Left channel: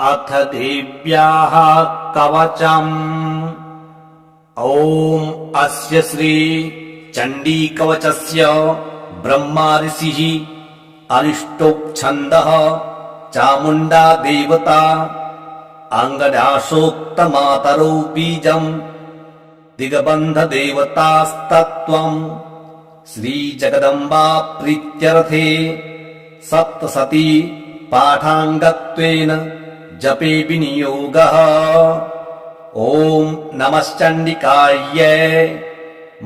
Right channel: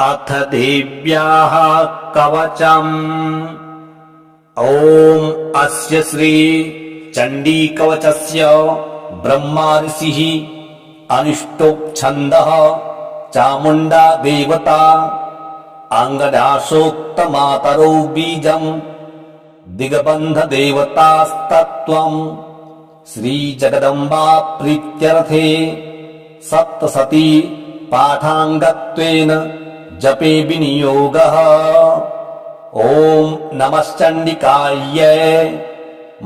अथ देव्याः कवचम्। ॐ अस्य श्री चण्डीकवचस्य ब्रह्मा ऋषिः अनिष्टोप छन्दः चामुण्डा देवता अङ्गदाशोक्तमातरौ बीजम् दिग्बन्ध देवतास्तत्त्वम् श्रीजगदम्बा प्रीत्यर्थे सप्तशती पाठाङ्गत्वेन जपे विनियोगः। ॐ नमश्चण्डिकायै।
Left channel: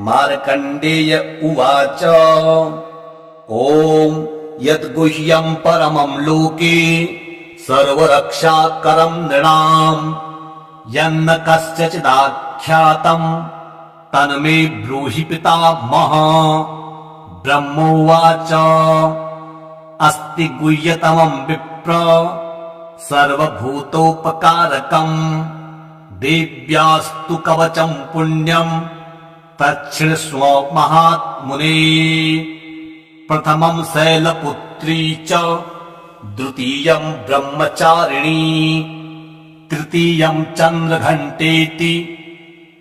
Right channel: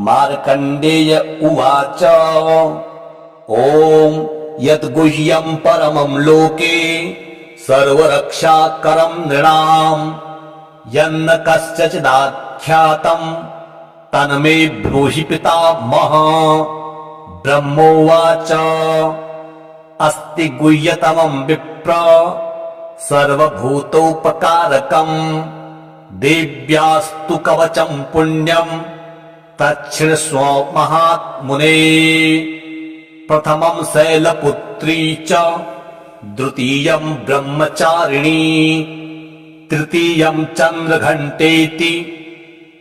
मार्कण्डेय उवाच। ॐ यद्गुह्यं परमं लोके सर्वरक्षाकरं नृणाम् यन्न कस्यचिदाख्यातं तन्मे ब्रूहि पितामह। ब्रह्मोवाच। अस्ति गुह्यतमं विप्र सर्वभूतोपकारकम् देव्यास्तु कवचं पुण्यं तच्छृण्वस्व महात्मुने। प्रथमं शैलपुत्री च द्वितीयं ब्रह्मचारिणी तृतीयं चन्द्रघण्टेति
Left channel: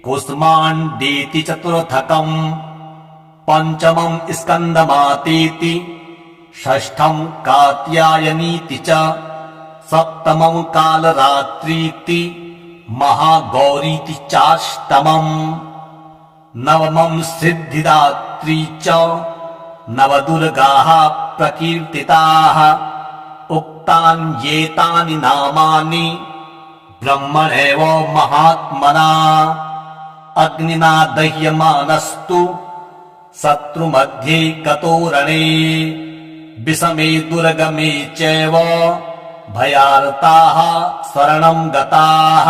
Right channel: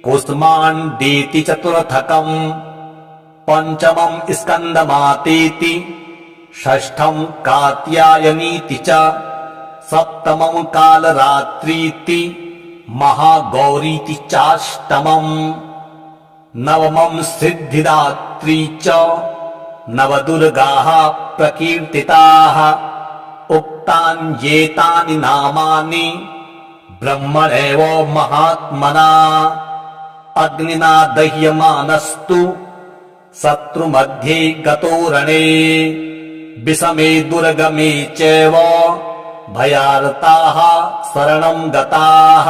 कुष्माण्डेति चतुर्थकम् पञ्चमं स्कन्दमातेति षष्ठं कात्यायनीति च सप्तमं कालरात्रीति महागौरीति चाष्टमम् नवमं सिद्धिदात्री च नवदुर्गाः प्रकीर्तिताः। उक्तान्येतानि नामानि ब्रह्मणेव महात्मना। अग्निना दह्यमानस्तु शत्रुमध्ये गतो रणे विषमे दुर्गमे चैव भयार्ताः शरणं गताः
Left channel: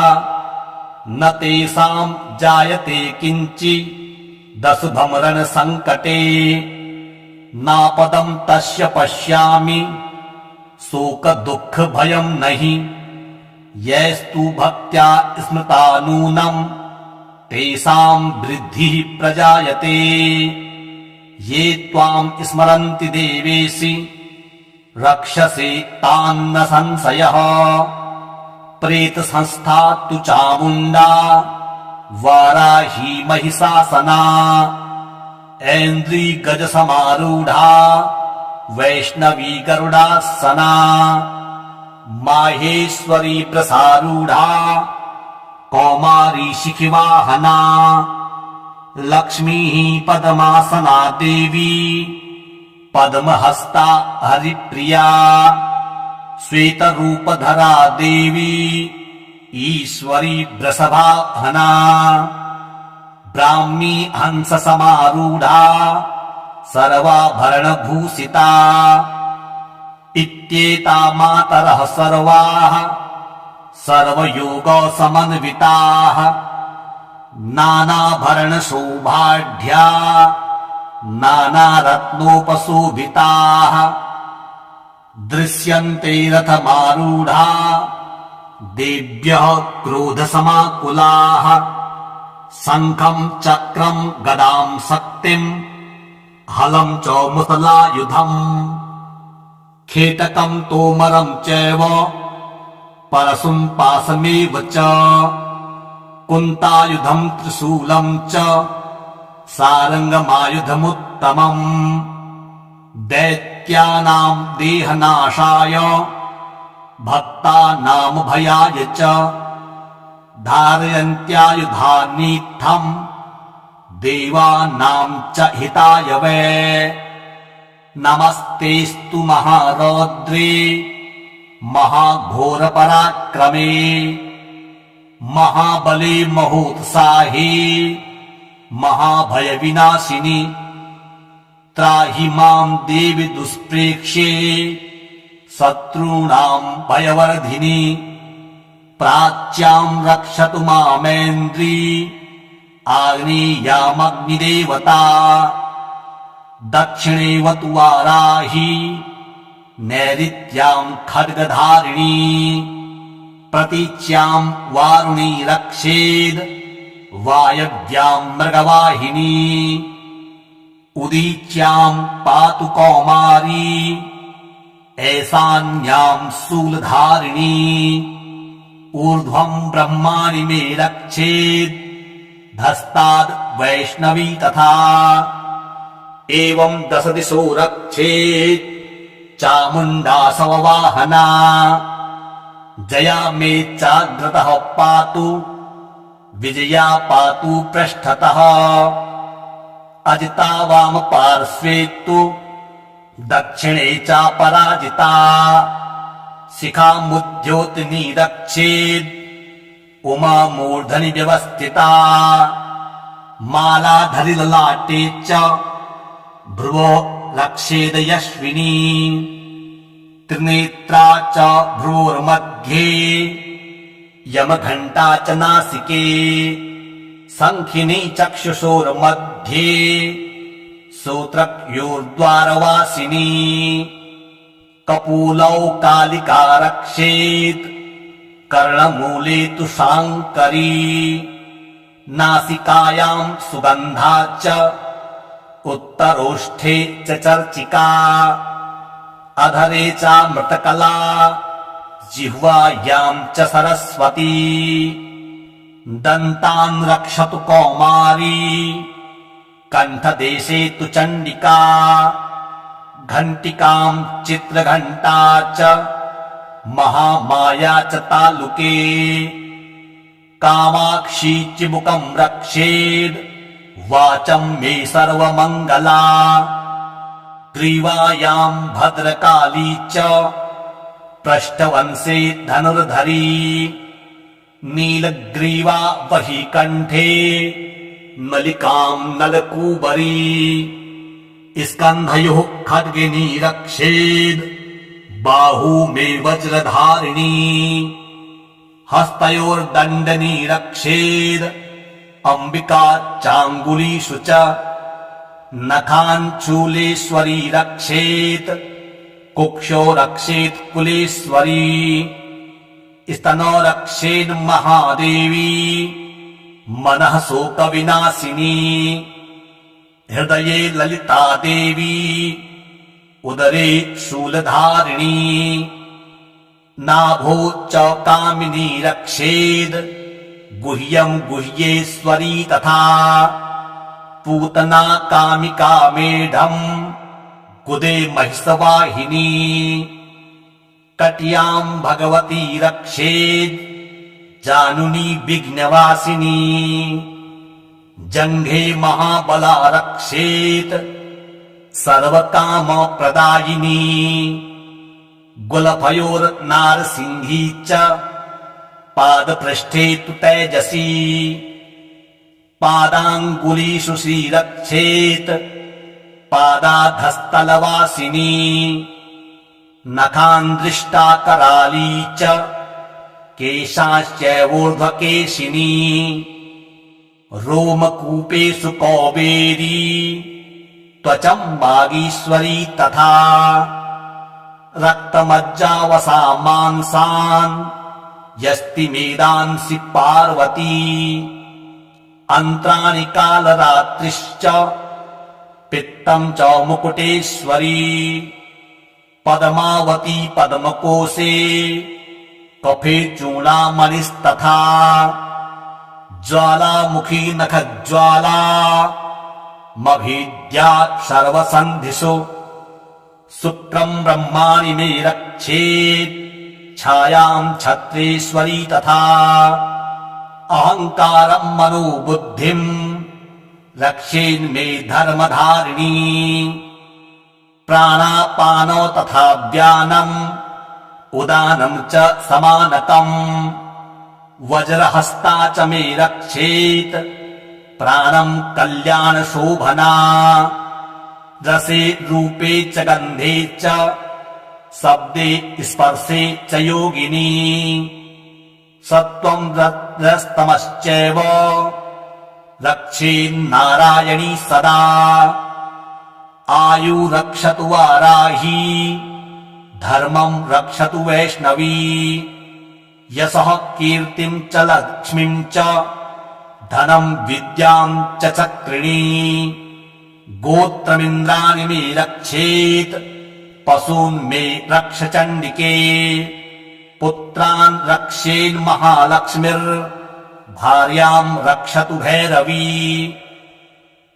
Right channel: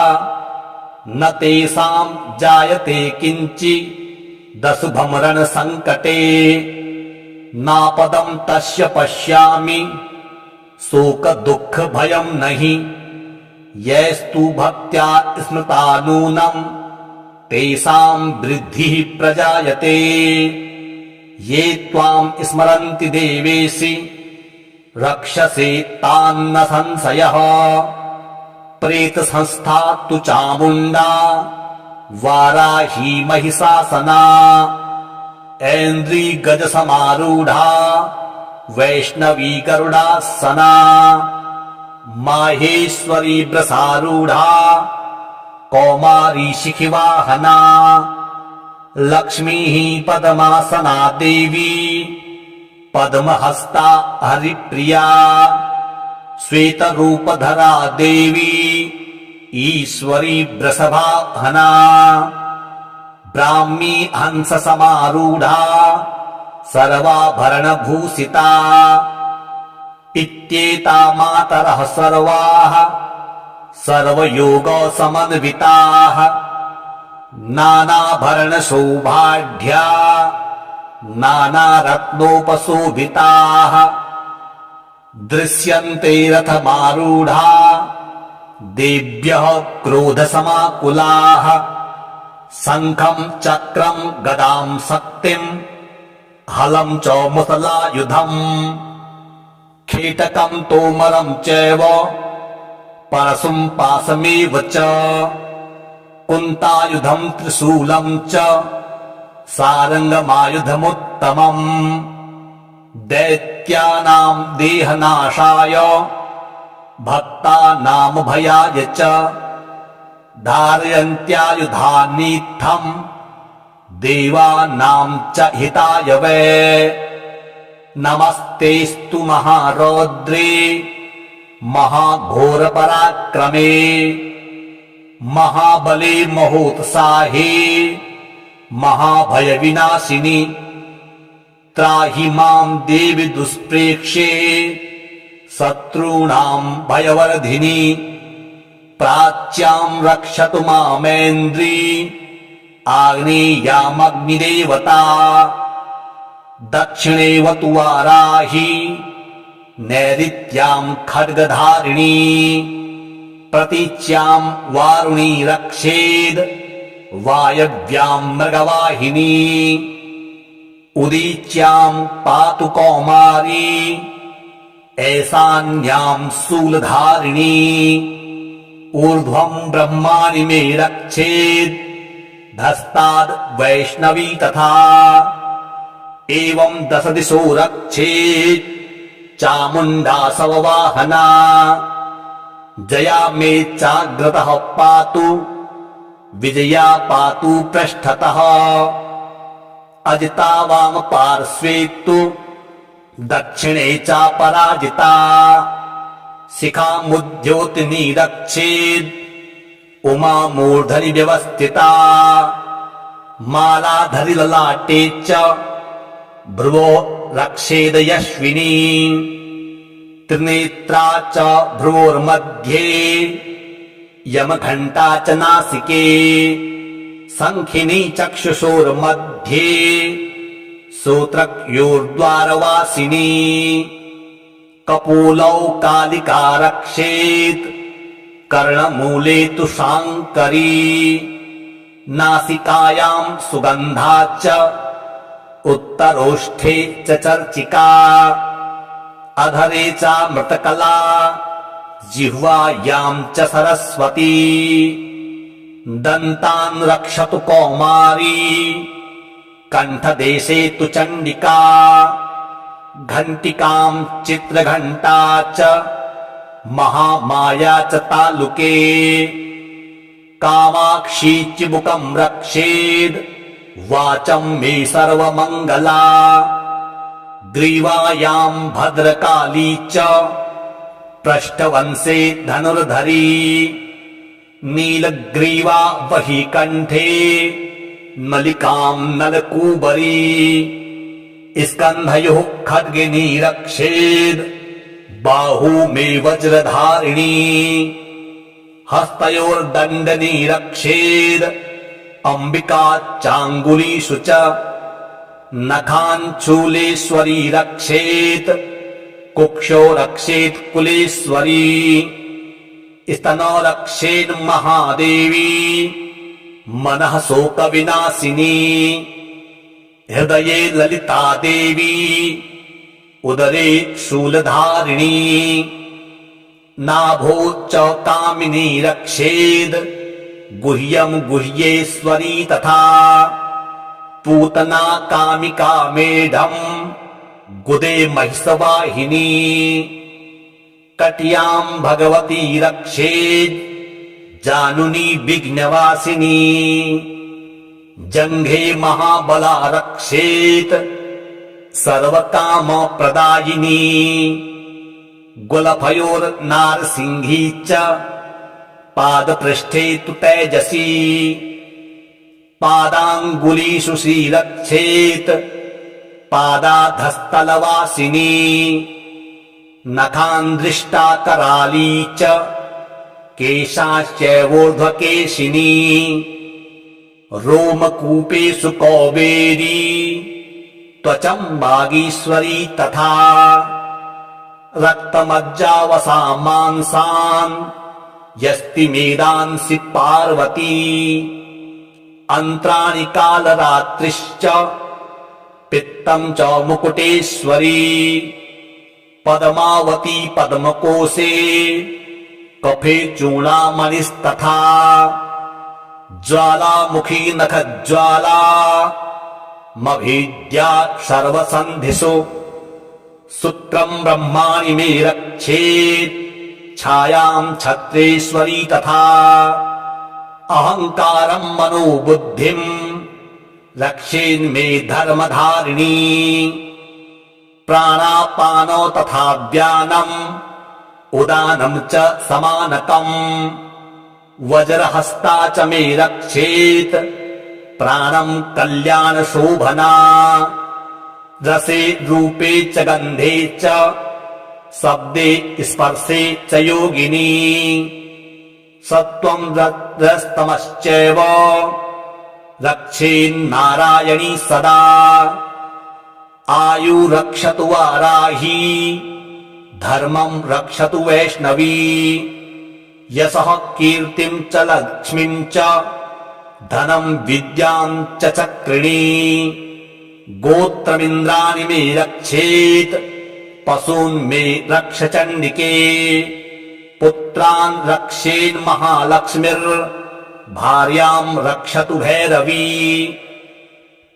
न तेषां जायते किञ्चिदशुभं रणसङ्कटे। नापदं तस्य पश्यामि शोकदुःखभयं नहि यैस्तु भक्त्या स्मृता नूनं तेषां वृद्धिः प्रजायते। ये त्वां स्मरन्ति देवेशि रक्षसे तान्न संशयः। प्रेतसंस्था तु चामुण्डा वाराही महिषासना ऐन्द्री गजसमारूढा वैष्णवी गरुडासना माहेश्वरी वृषारूढा कौमारी शिखिवाहना लक्ष्मीः पद्मासना देवी पद्महस्ता हरिप्रिया श्वेतरूपधरा देवी ईश्वरी वृषभाहना ब्राह्मी हंससमारूढा सर्वाभरणभूषिता इत्येता मातरः सर्वाः सर्वयोगसमन्विताः नानाभरणशोभाढ्या नानारत्नोपशोभिताः दृश्यन्ते रथमारूढा देव्यः क्रोधसमाकुलाः शङ्खं चक्रं गदां शक्तिं हलं च मुसलायुधम् कीटकं तोमरं चैव परशुं पाशमेव च कुन्तायुधं त्रिशूलं च सारङ्गमायुधमुत्तमम् दैत्यानां देहनाशाय भक्तानामभयाय च धारयन्त्यायुधानीत्थं देवानां च हिताय वै। नमस्तेस्तु महारौद्रे महाघोरपराक्रमे महाबले महोत्साहे महाभयविनाशिनि त्राहि मां देवि दुष्प्रेक्ष्ये शत्रूणां भयवर्धिनि प्राच्यां रक्षतु मामेन्द्री आग्नेयामग्निदेवता दक्षिणेवतु वाराही नैऋत्यां खड्गधारिणी प्रतीच्यां वारुणी रक्षेद् वायव्यां मृगवाहिनी उदीच्यां पातु कौमारी ऐशान्यां शूलधारिणी ऊर्ध्वं ब्रह्माणि मे रक्षेत् धस्ताद् वैष्णवी तथा एवं दश दिशो रक्षेत् चामुण्डा सववाहना जया मे चाग्रतः पातु विजया पातु पृष्ठतः अजिता वाम पार्श्वे तु दक्षिणे चापराजिता शिखामुद्योतिनी रक्षेत् उमा मूर्धनि व्यवस्थिता मालाधरि ललाटे च भ्रुवो रक्षेद यश्विनी त्रिनेत्रा च भ्रुवोर्मध्ये यमघण्टा च नासिके शङ्खिनी चक्षुषोर्मध्ये सूत्रयोर्द्वारवासिनी कपोलौ कालिका रक्षेत् कर्णमूले तु शाङ्करी नासिकायां सुगन्धा च उत्तरोष्ठे च चर्चिका अधरे चामृतकला जिह्वायां च सरस्वती दन्तान् रक्षतु कौमारी कण्ठदेशे तु चण्डिका घण्टिकां चित्रघण्टा च महामाया च तालुके कामाक्षी चिबुकं रक्षेद् वाचं मे सर्वमङ्गला ग्रीवायां भद्रकाली च पृष्ठवंशे धनुर्धरी नीलग्रीवा वही कण्ठे नलिकां नलकूबरी स्कन्धयोः खड्गिनी रक्षेद् बाहू मे वज्रधारिणी हस्तयोर्दण्डनी रक्षेद् अम्बिका चाङ्गुलीषु च नखान् चूलेश्वरी रक्षेत् कुक्षो रक्षेत् कुलेश्वरी स्तनो रक्षेन् महादेवी मनः शोकविनाशिनी हृदये ललिता देवी उदरे शूलधारिणी नाभो च कामिनी रक्षेद् गुह्यं गुह्येश्वरी तथा पूतना कामिका मेढम् गुदे महिषवाहिनी कट्यां भगवती रक्षेद् जानुनी विघ्नवासिनी जङ्घे महाबला रक्षेत् सर्वकामप्रदायिनी गुलफयोर्नारसिंही च पादपृष्ठे तु तेजसी पादाङ्गुलीषु श्रीरक्षेत् पादाधस्तलवासिनी नखान्दृष्टा कराली च केशाश्चैवोर्ध्वकेशिनी रोमकूपेषु कौबेरी त्वचं वागीश्वरी तथा रक्तमज्जावसा मांसान् यस्ति मेदांसि पार्वती अन्त्राणि कालरात्रिश्च पित्तं च मुकुटेश्वरी पद्मावती पद्मकोशे कफे चूणामणिस्तथा ज्वालामुखी नखज्वाला मभीद्या सर्वसन्धिषु शुक्रं ब्रह्माणि मे रक्षेत् छायां छत्रेश्वरी तथा अहङ्कारं मनोबुद्धिं रक्षेन्मे धर्मधारिणी प्राणापानो तथा व्यानम् उदानं च समानकम् वज्रहस्ता च मे रक्षेत् प्राणं कल्याणशोभना रसे रूपे च गन्धे च शब्दे स्पर्शे च योगिनी सत्त्वं रजस्तमश्चैव रक्षेन्नारायणी सदा आयु रक्षतु वाराही धर्मं रक्षतु वैष्णवी यशः कीर्तिं च लक्ष्मीं च धनं विद्यां च चक्रिणी गोत्रमिन्द्राणि मे रक्षेत् पशून् मे रक्ष चण्डिके पुत्रान् रक्षेन्महालक्ष्मीर्भार्याम् रक्षतु भैरवी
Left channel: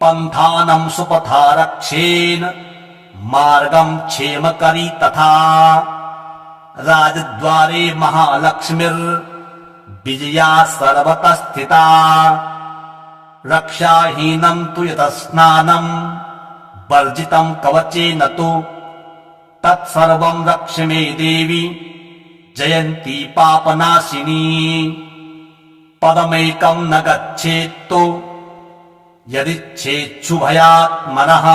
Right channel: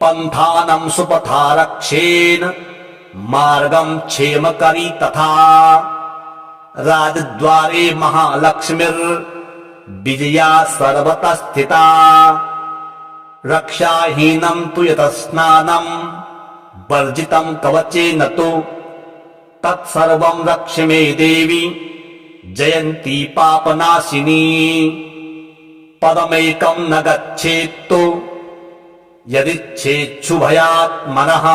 पन्थानं सुपथा रक्षेन् मार्गं क्षेमकरी तथा राजद्वारे महालक्ष्मीर्विजया सर्वतः स्थिता रक्षाहीनं तु यतः स्नानं वर्जितं कवचेन तु तत्सर्वं रक्ष मे देवी जयन्ती पापनाशिनी पदमेकं न गच्छेत्तु यदिच्छेच्छुभयात्मनः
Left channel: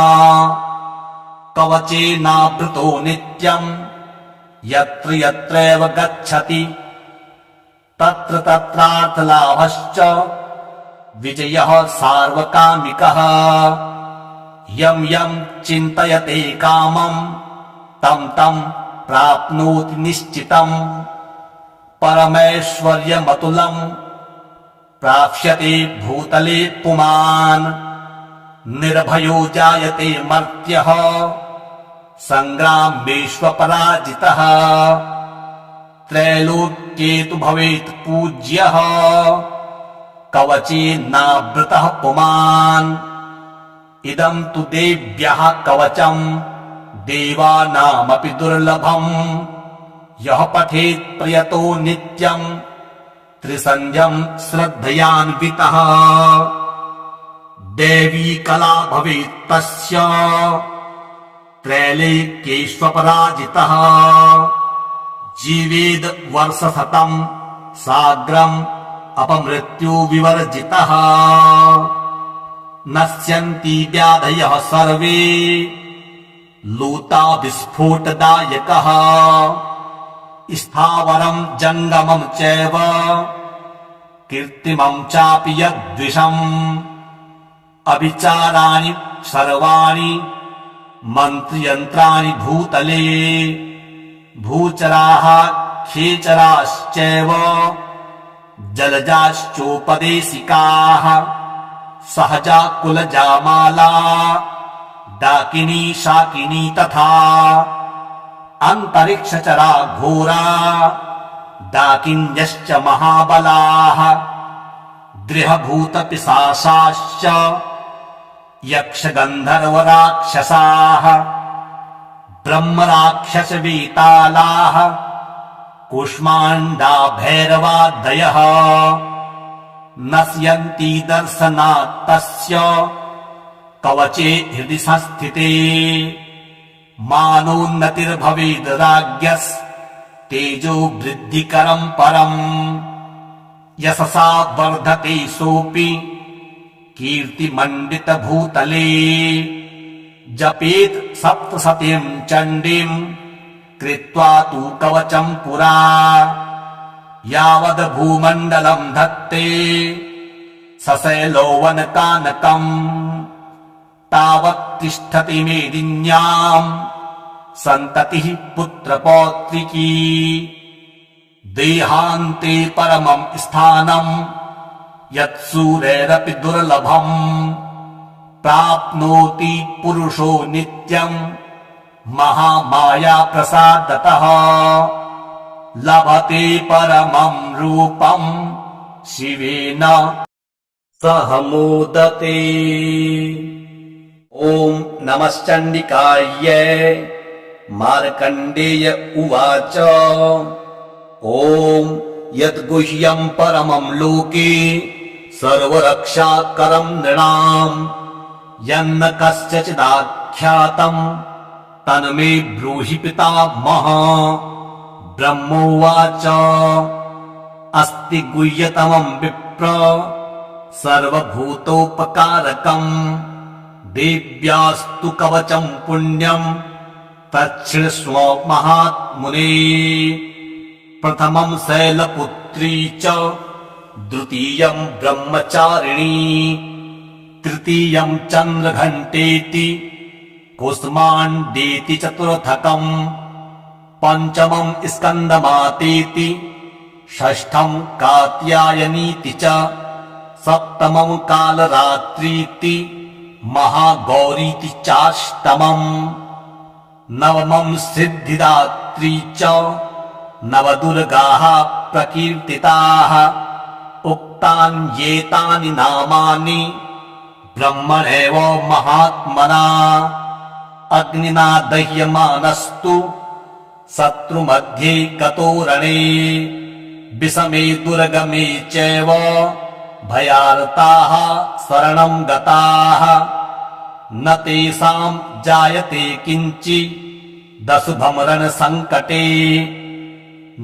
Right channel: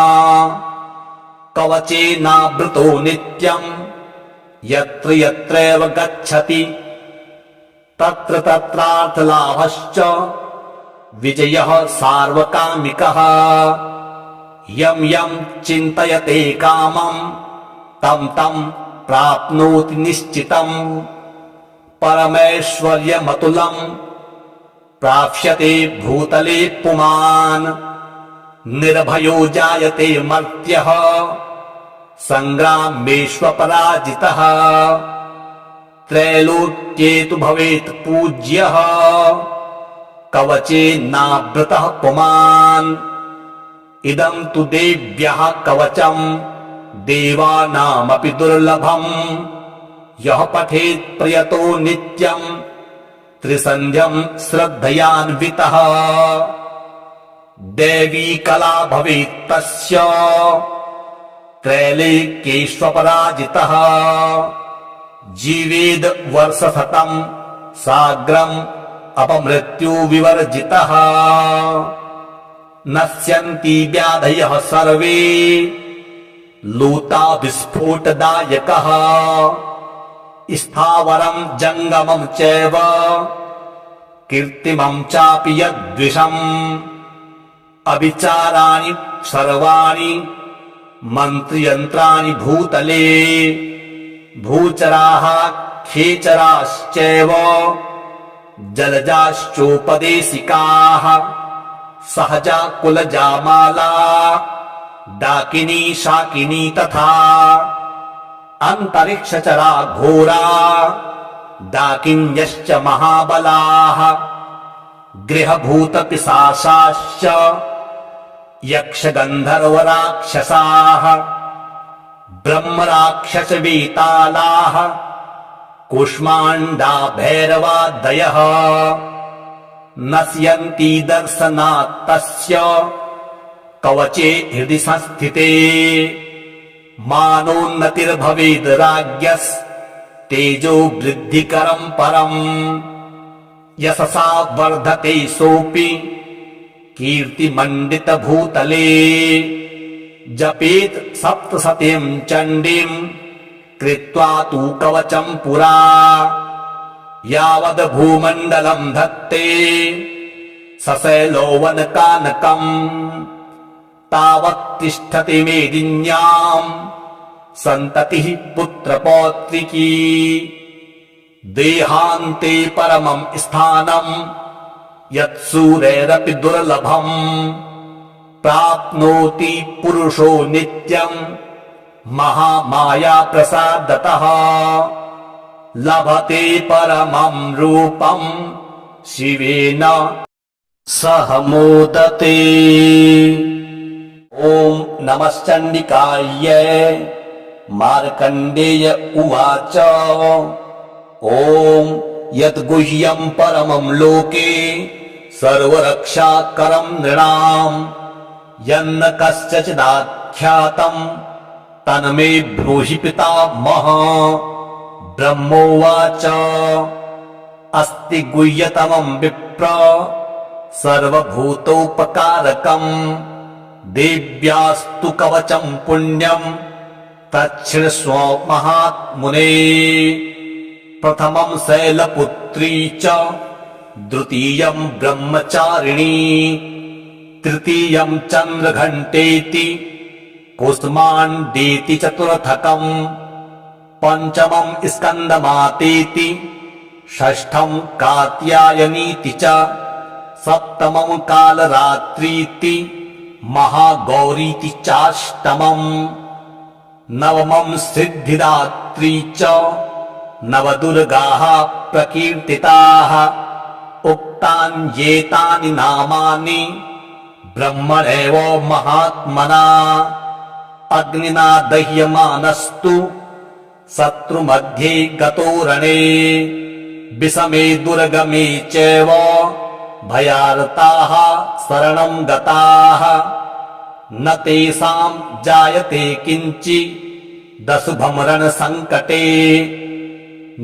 कवचेनावृतो नित्यं यत्र यत्रैव गच्छति तत्र तत्रार्थलाभश्च विजयः सार्वकामिकः यं यं चिन्तयते कामं तं तं प्राप्नोति निश्चितम् परमैश्वर्यमतुलं प्राप्स्यते भूतले पुमान् निर्भयो जायते मर्त्यः संग्रामेष्वपराजितः त्रैलोक्ये तु भवेत् पूज्यः कवचेनावृतः पुमान् इदं तु देव्यः कवचम् देवानामपि दुर्लभम् यः पठेत् प्रयतो नित्यम् त्रिसन्ध्यम् श्रद्धयान्वितः देवी कला भवेत् तस्य त्रैलोक्येष्वपराजितः जीवेद् वर्षशतम् साग्रम् अपमृत्यु विवर्जितः नश्यन्ति व्याधयः सर्वे लूता विस्फोटदायकः स्थावरं जङ्गमं चैव कीर्तिमं चापि यद्विषम् अविचाराणि सर्वाणि मन्त्रयन्त्राणि भूतले भूचराः खेचराश्चैव जलजाश्चोपदेशिकाः सहजा कुलजामाला डाकिनी शाकिनी तथा अन्तरिक्षचरा घोरा डाकिन्यश्च महाबलाः गृहभूतपिशाचाश्च यक्षगन्धर्वराक्षसाः ब्रह्मराक्षसवेतालाः कूष्माण्डा भैरवादयः नश्यन्ति दर्शनात् तस्य कवचे हृदि संस्थिते मानोन्नतिर्भवेद् राज्ञस्तेजो वृद्धिकरं परम् यशसा वर्धते सोऽपि कीर्तिमण्डितभूतले जपेत् सप्तशतीं चण्डीं कृत्वा तु कवचं पुरा यावद् भूमण्डलं धत्ते सशैलोवनकानकम् तावत् तिष्ठति मेदिन्याम् सन्ततिः पुत्रपौत्रिकी देहान्ते परमं स्थानम् यत्सूरैरपि दुर्लभम् प्राप्नोति पुरुषो नित्यम् महामाया प्रसादतः लभते परमं रूपम् शिवेन सह मोदते। ॐ नमश्चण्डिकायै मार्कण्डेय उवाच ॐ यद्गुह्यं परमं लोके सर्वरक्षाकरं नृणाम् यन्न कस्यचिदाख्यातं तन्मे ब्रूहि पितामह। ब्रह्मोवाच अस्ति गुह्यतमं विप्र सर्वभूतोपकारकम् देव्यास्तु कवचं पुण्यं तच्छृण्वस्व महात्मुने। प्रथमं शैलपुत्री च द्वितीयं ब्रह्मचारिणी तृतीयं चन्द्रघण्टेति कुष्माण्डेति चतुर्थकम् पञ्चमं स्कन्दमातेति षष्ठं कात्यायनीति च सप्तमं कालरात्रीति महागौरीति चाष्टमम् नवमं सिद्धिदात्री च नवदुर्गाः प्रकीर्तिताः उक्तान्येतानि नामानि ब्रह्मणेव महात्मना अग्निना दह्यमानस्तु शत्रुमध्ये गतो रणे विषमे दुर्गमे चैव भयार्ताः शरणं गताः न तेषां जायते किञ्चिदशुभं रणसङ्कटे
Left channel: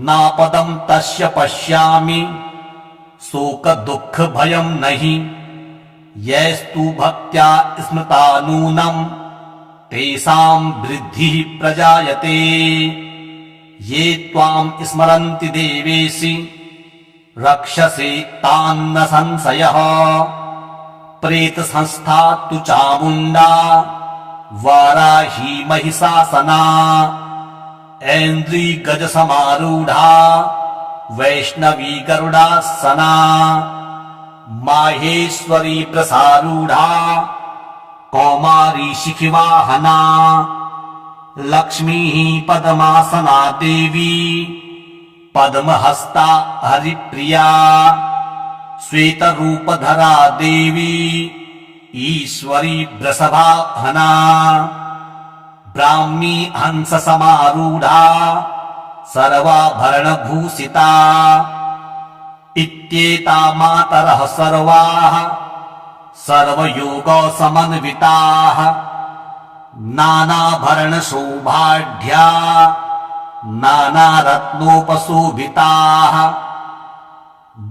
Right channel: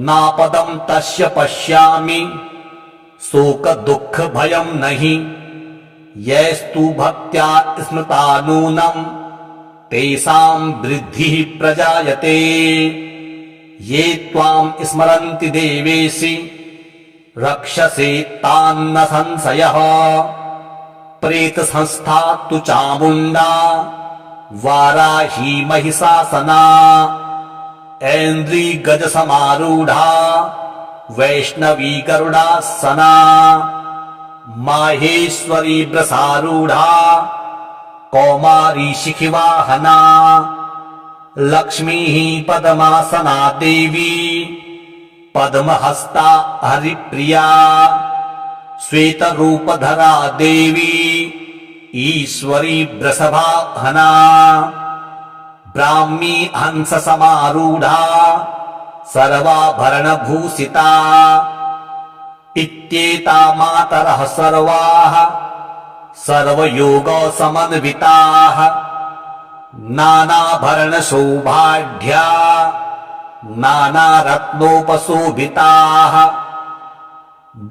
नापदं तस्य पश्यामि शोकदुःखभयं नहि यैस्तु भक्त्या स्मृता नूनं तेषां वृद्धिः प्रजायते ये त्वां स्मरन्ति देवेशि रक्षसे तान्न संशयः प्रेतसंस्था तु चामुण्डा वाराही महिषासना ऐन्द्री गजसमारूढा वैष्णवी गरुडासना माहेश्वरी वृषारूढा कौमारी शिखिवाहना लक्ष्मीः पद्मासना देवी पद्महस्ता हरिप्रिया श्वेतरूपधरा देवी ईश्वरी वृषभाहना ब्राह्मी हंससमारूढा सर्वाभरणभूषिता इत्येता मातरः सर्वाः सर्वयोगसमन्विताः नानाभरणशोभाढ्या नानारत्नोपशोभिताः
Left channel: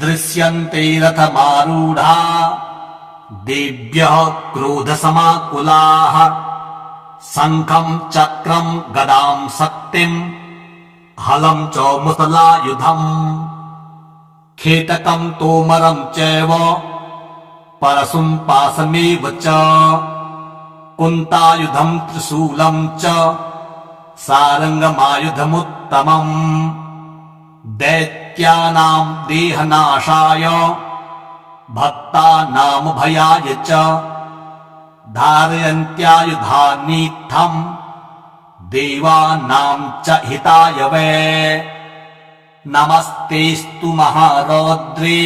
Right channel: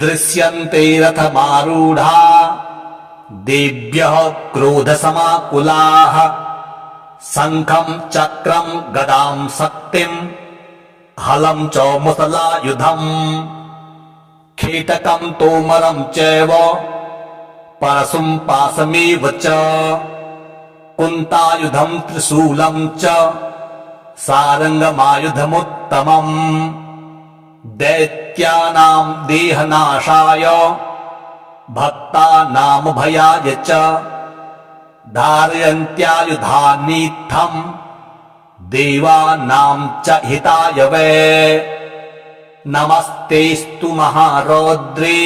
दृश्यन्ते रथमारूढा देव्यः क्रोधसमाकुलाः शङ्खं चक्रं गदां शक्तिं हलं च मुसलायुधम् खेटकं तोमरं चैव परशुं पाशमेव च कुन्तायुधं त्रिशूलं च सारङ्गमायुधमुत्तमम् दैत्यानां देहनाशाय भक्तानां भयाय च धारयन्त्यायुधानीत्थं देवानां च हिताय वै नमस्तेस्तु महारौद्रे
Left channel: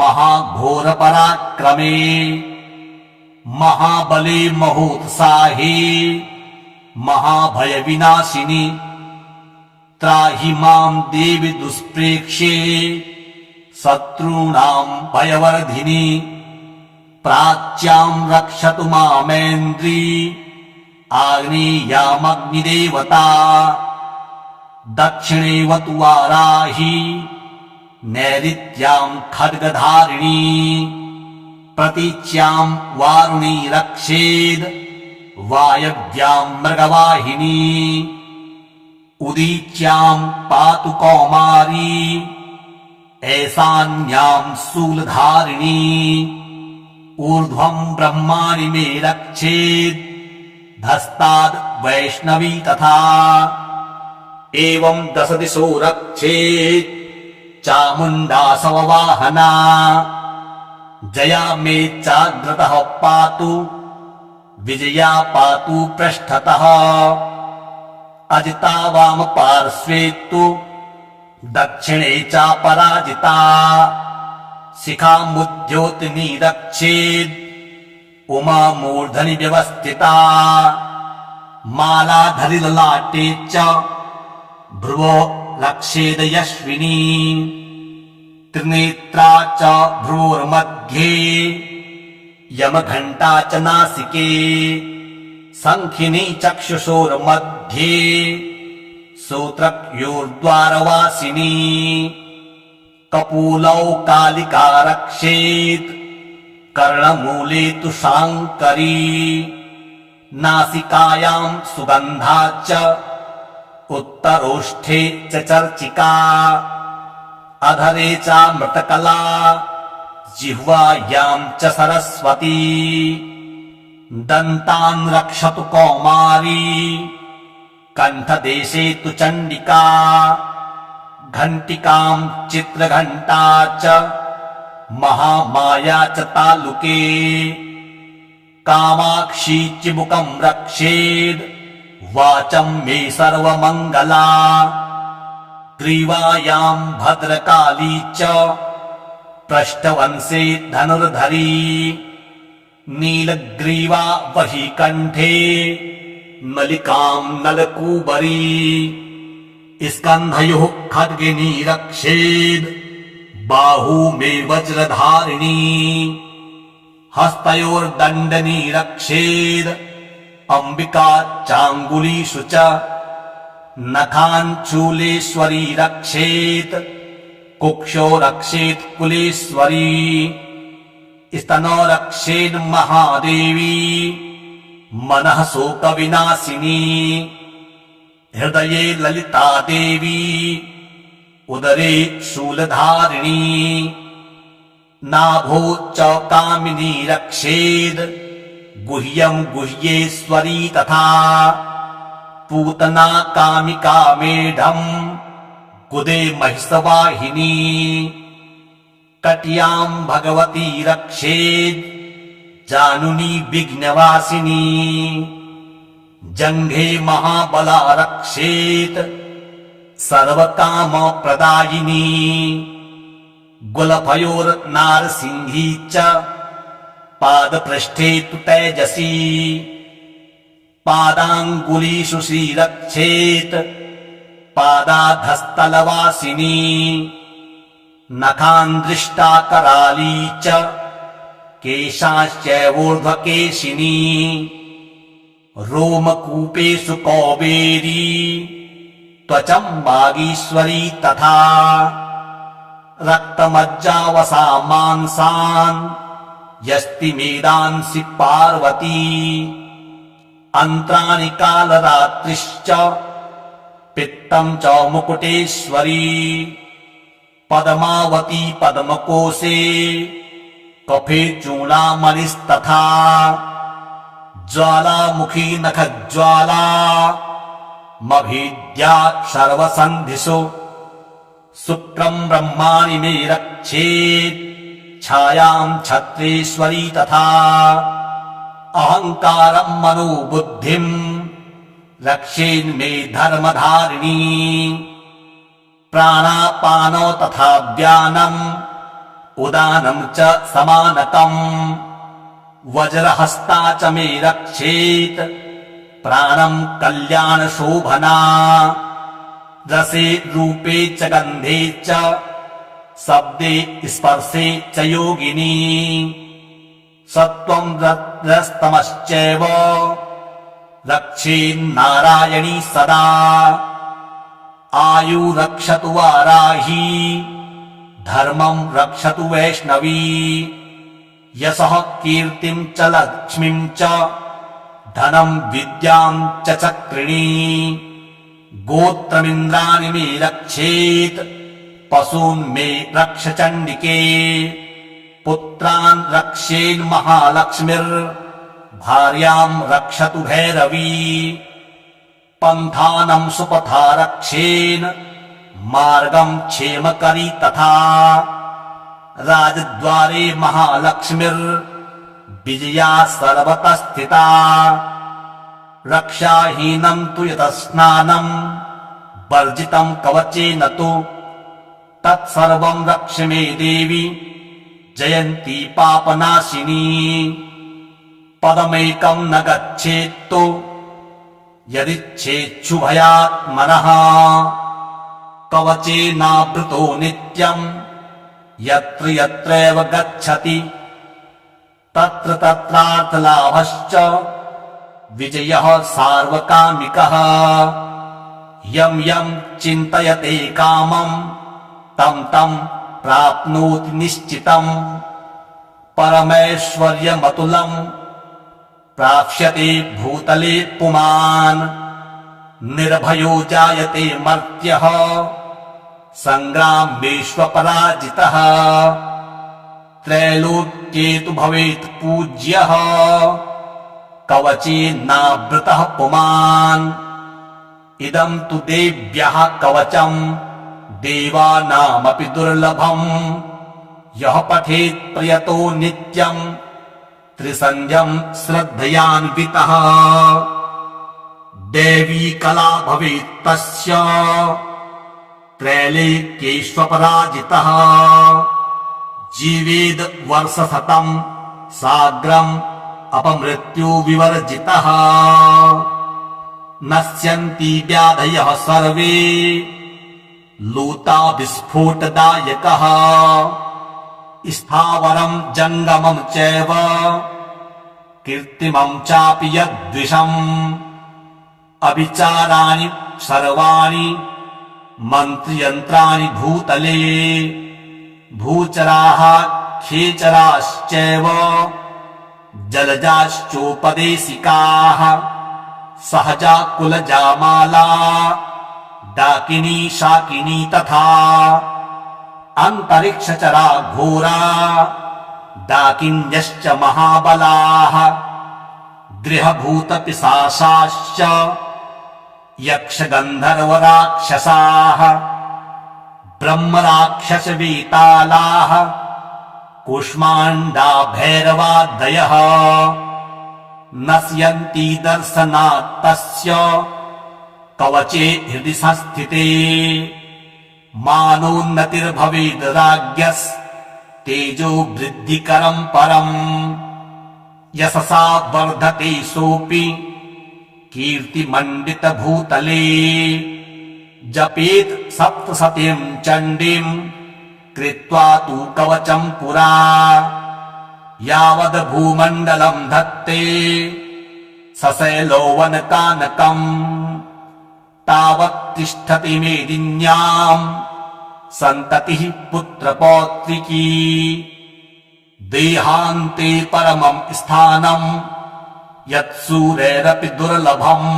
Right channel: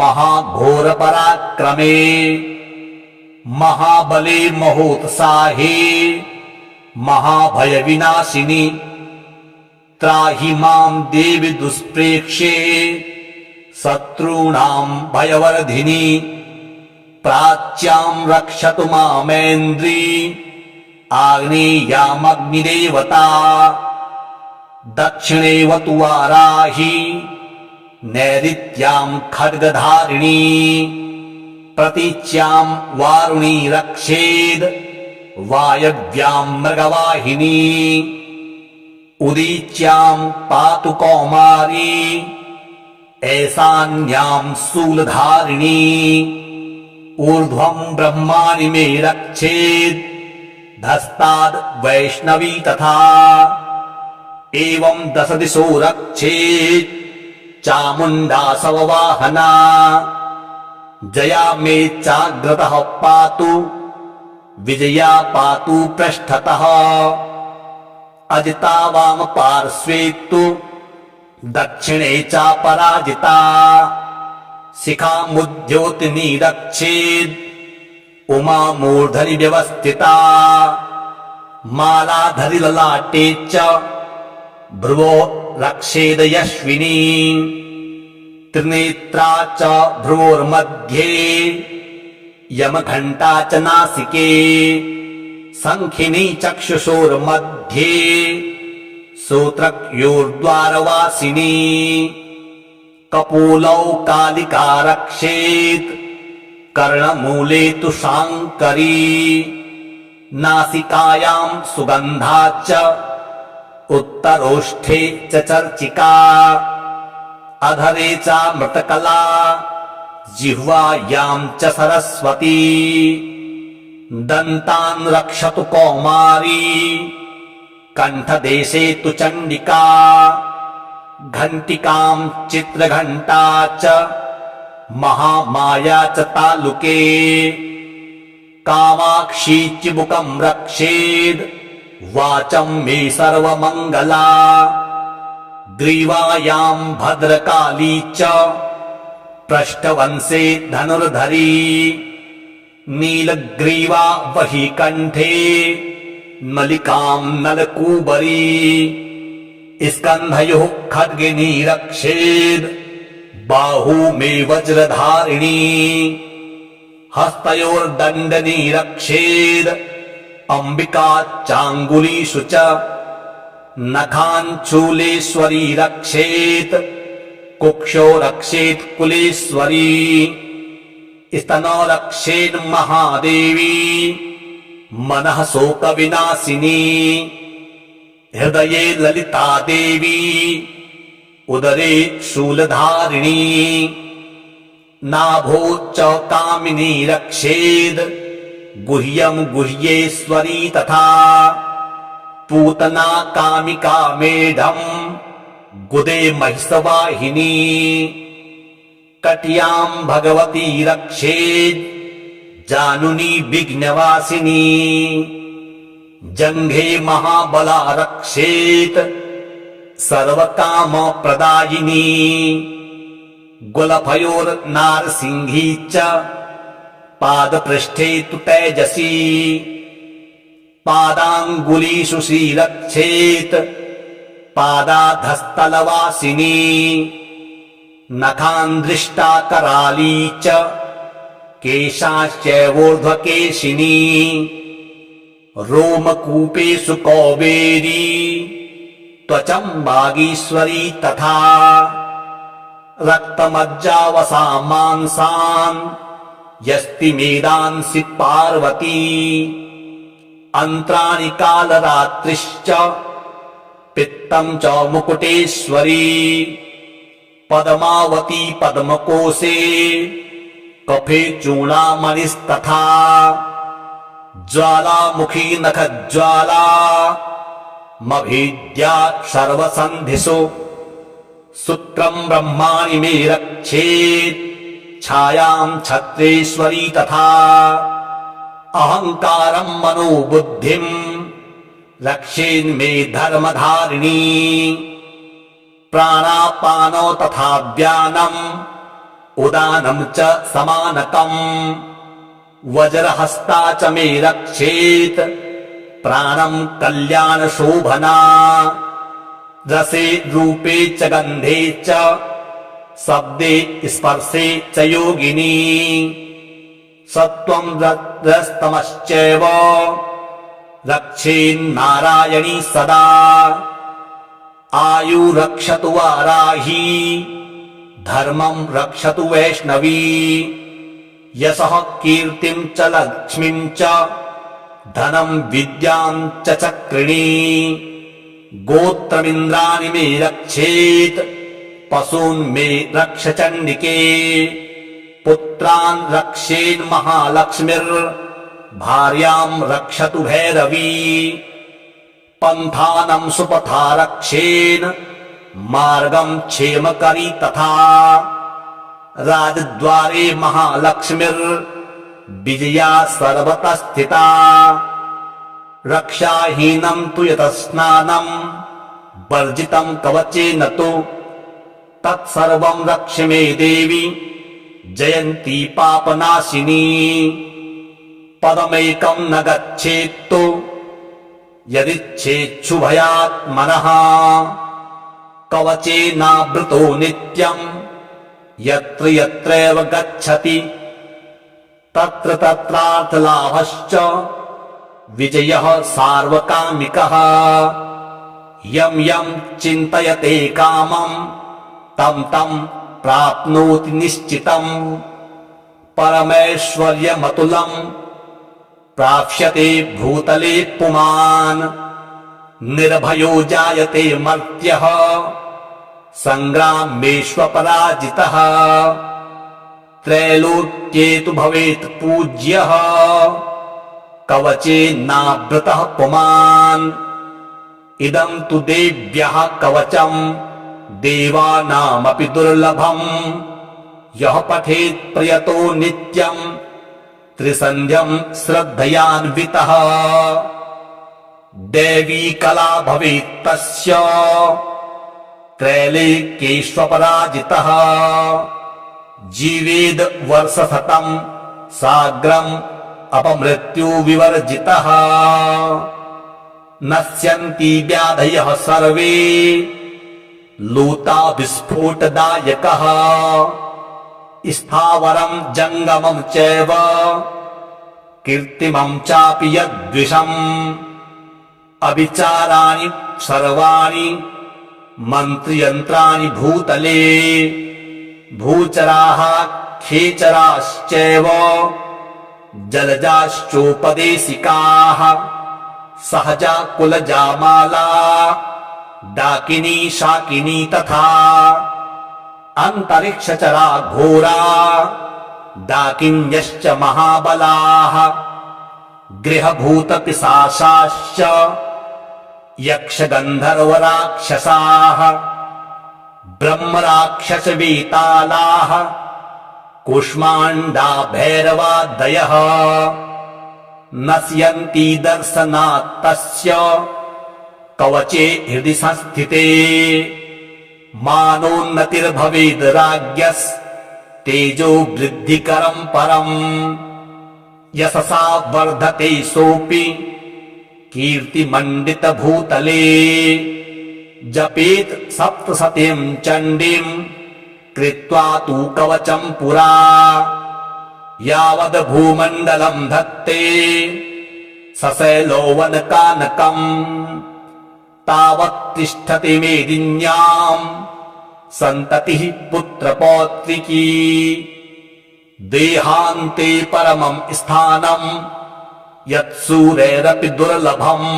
महाघोरपराक्रमे महाबले महोत्साहे महाभयविनाशिनि त्राहि मां देवि दुष्प्रेक्ष्ये शत्रूणां भयवर्धिनि प्राच्यां रक्षतु मामेन्द्री आग्नेयामग्निदेवता दक्षिणेवतु वाराही नैऋत्यां खड्गधारिणी प्रतीच्यां वारुणी रक्षेद् वायव्यां मृगवाहिनी उदीच्यां पातु कौमारी ऐशान्यां शूलधारिणी ऊर्ध्वं ब्रह्माणि मे रक्षेद् धस्ताद् वैष्णवी तथा एवं दश दिशो रक्षेत् चामुण्डा शववाहना जया मे चाग्रतः पातु विजया पातु पृष्ठतः अजिता वाम पार्श्वे तु दक्षिणे चापराजिता शिखामुद्योतिनी रक्षेद् उमा मूर्धनि व्यवस्थिता मालाधरि ललाटे च भ्रुवो रक्षेद यश्विनी त्रिनेत्रा च भ्रुवोर्मध्ये यमघण्टा च नासिके शङ्खिनी चक्षुषोर्मध्ये श्रोत्रयोर्द्वारवासिनी कपोलौ कालिका रक्षेत् कर्णमूले तु शाङ्करी नासिकायां सुगन्धा च उत्तरोष्ठे च चर्चिका अधरे चामृतकला जिह्वायां च सरस्वती दन्तान् रक्षतु कौमारी कण्ठदेशे तु चण्डिका घण्टिकां चित्रघण्टा च महामाया च तालुके कामाक्षी चिबुकं रक्षेद् वाचं मे सर्वमङ्गला ग्रीवायां भद्रकाली च पृष्ठवंशे धनुर्धरी नीलग्रीवा वही कंठे नलिकां नलकूबरी स्कन्धयोः खड्गिनी रक्षेद बाहू में वज्रधारिणी हस्तयोर्दण्डनी रक्षेद अंबिका चांगुलीषु च नखाञ्चूलेश्वरी रक्षेत कुक्षो रक्षेत कुलेश्वरी स्तनो रक्षेन महादेवी मनः शोक विनाशिनी हृदये ललिता देवी उदरे शूलधारिणी नाभो च कामिनी रक्षेद गुह्यं गुह्येश्वरी तथा पूतना कामिका मेढम् गुदे महिषवाहिनी कट्यां भगवती रक्षेद जानुनी विघ्नवासिनी जंघे महाबला रक्षेत सर्वकाम प्रदायिनी गुलफयोर्नारसिंही च पादपृष्ठे तु तेजसी पादांगुलीषु श्रीरक्षेत पादाधस्तलवासिनी नखान्दृष्टा कराली च केशाश्चैवोर्ध्वकेशिनी रोमकूपेषु कौबेरी त्वचं वागीश्वरी तथा रक्तमज्जावसा मांसान् यस्ति मेदांसि पार्वती अन्त्राणि कालरात्रिश्च पित्तं च मुकुटेश्वरी पद्मावती पद्मकोशे कफे चूडामणिस्तथा ज्वालामुखी नखज्वाला मभीद्या सर्वसन्धिषु शुक्रं ब्रह्माणि मे रक्षेत् छायां छत्रेश्वरी तथा अहंकारं मनोबुद्धिं रक्षेन्मे धर्मधारिणी प्राणापानो तथा व्यानम् उदानं च समानकम् वज्रहस्ता च मे रक्षेत् प्राणं कल्याणशोभना रसे रूपे च गन्धे च शब्दे स्पर्शे च योगिनी सत्त्वं रजस्तमश्चैव रक्षेन्नारायणी सदा आयु रक्षतु वाराही धर्मं रक्षतु वैष्णवी यशः कीर्तिं च लक्ष्मीं च धनं विद्यां च चक्रिणी गोत्रमिन्द्राणि मे रक्षेत् पशून् मे रक्ष चण्डिके पुत्रान् रक्षेन् महालक्ष्मीर्भार्यां रक्षतु भैरवी पन्थानं सुपथा रक्षेन् मार्गं क्षेमकरी तथा राजद्वारे महालक्ष्मीर्विजया सर्वतः स्थिता रक्षाहीनं तु यतस्नानं वर्जितं कवचेन तु तत्सर्वं रक्ष मे देवी जयन्ती पापनाशिनी पदमेकं न गच्छेत्तु यदिच्छेच्छुभयात्मनः कवचेनावृतो नित्यं यत्र यत्रैव गच्छति तत्र तत्रार्थलाभश्च विजयः सार्वकामिकः यं यं चिन्तयते कामं तं तं प्राप्नोति निश्चितम् परमैश्वर्यमतुलम् प्राप्स्यते भूतले पुमान् निर्भयो जायते मर्त्यः संग्रामेष्वपराजितः त्रैलोक्ये तु भवेत् पूज्यः कवचेनावृतः पुमान् इदं तु देव्यः कवचम् देवानामपि दुर्लभम् यः पठेत् प्रयतो नित्यम् त्रिसन्ध्यं श्रद्धयान्वितः दैवी कला भवेत् तस्य त्रैलोक्येष्वपराजितः जीवेद वर्षशतं साग्रम् अपमृत्यु विवर्जितः नश्यन्ति व्याधयः सर्वे लूता विस्फोटदायकः स्थावरं जङ्गमं चैव कीर्तिमं चापि यद्विषम् अविचाराणि सर्वाणि मन्त्रयन्त्राणि भूतले भूचराः खेचराश्चैव जलजाश्चोपदेशिकाः सहजा कुलजामाला डाकिनी शाकिनी तथा अन्तरिक्षचरा घोरा डाकिन्यश्च महाबलाः गृहभूतपिशाचाश्च यक्षगन्धर्वराक्षसाः ब्रह्मराक्षसवेतालाः कूष्माण्डा भैरवादयः नश्यन्ति दर्शनात् तस्य कवचे हृदि संस्थिते मानोन्नतिर्भवेद् राज्ञस्तेजो वृद्धिकरं परम् यशसा वर्धते सोऽपि कीर्तिमण्डितभूतले जपेत् सप्तशतीं चण्डीं कृत्वा तु कवचं पुरा यावद् भूमण्डलं धत्ते सशैलोवनकानकम् तावत् तिष्ठति मेदिन्याम् सन्ततिः पुत्रपौत्रिकी देहान्ते परमं स्थानं यत्सूरैरपि दुर्लभम्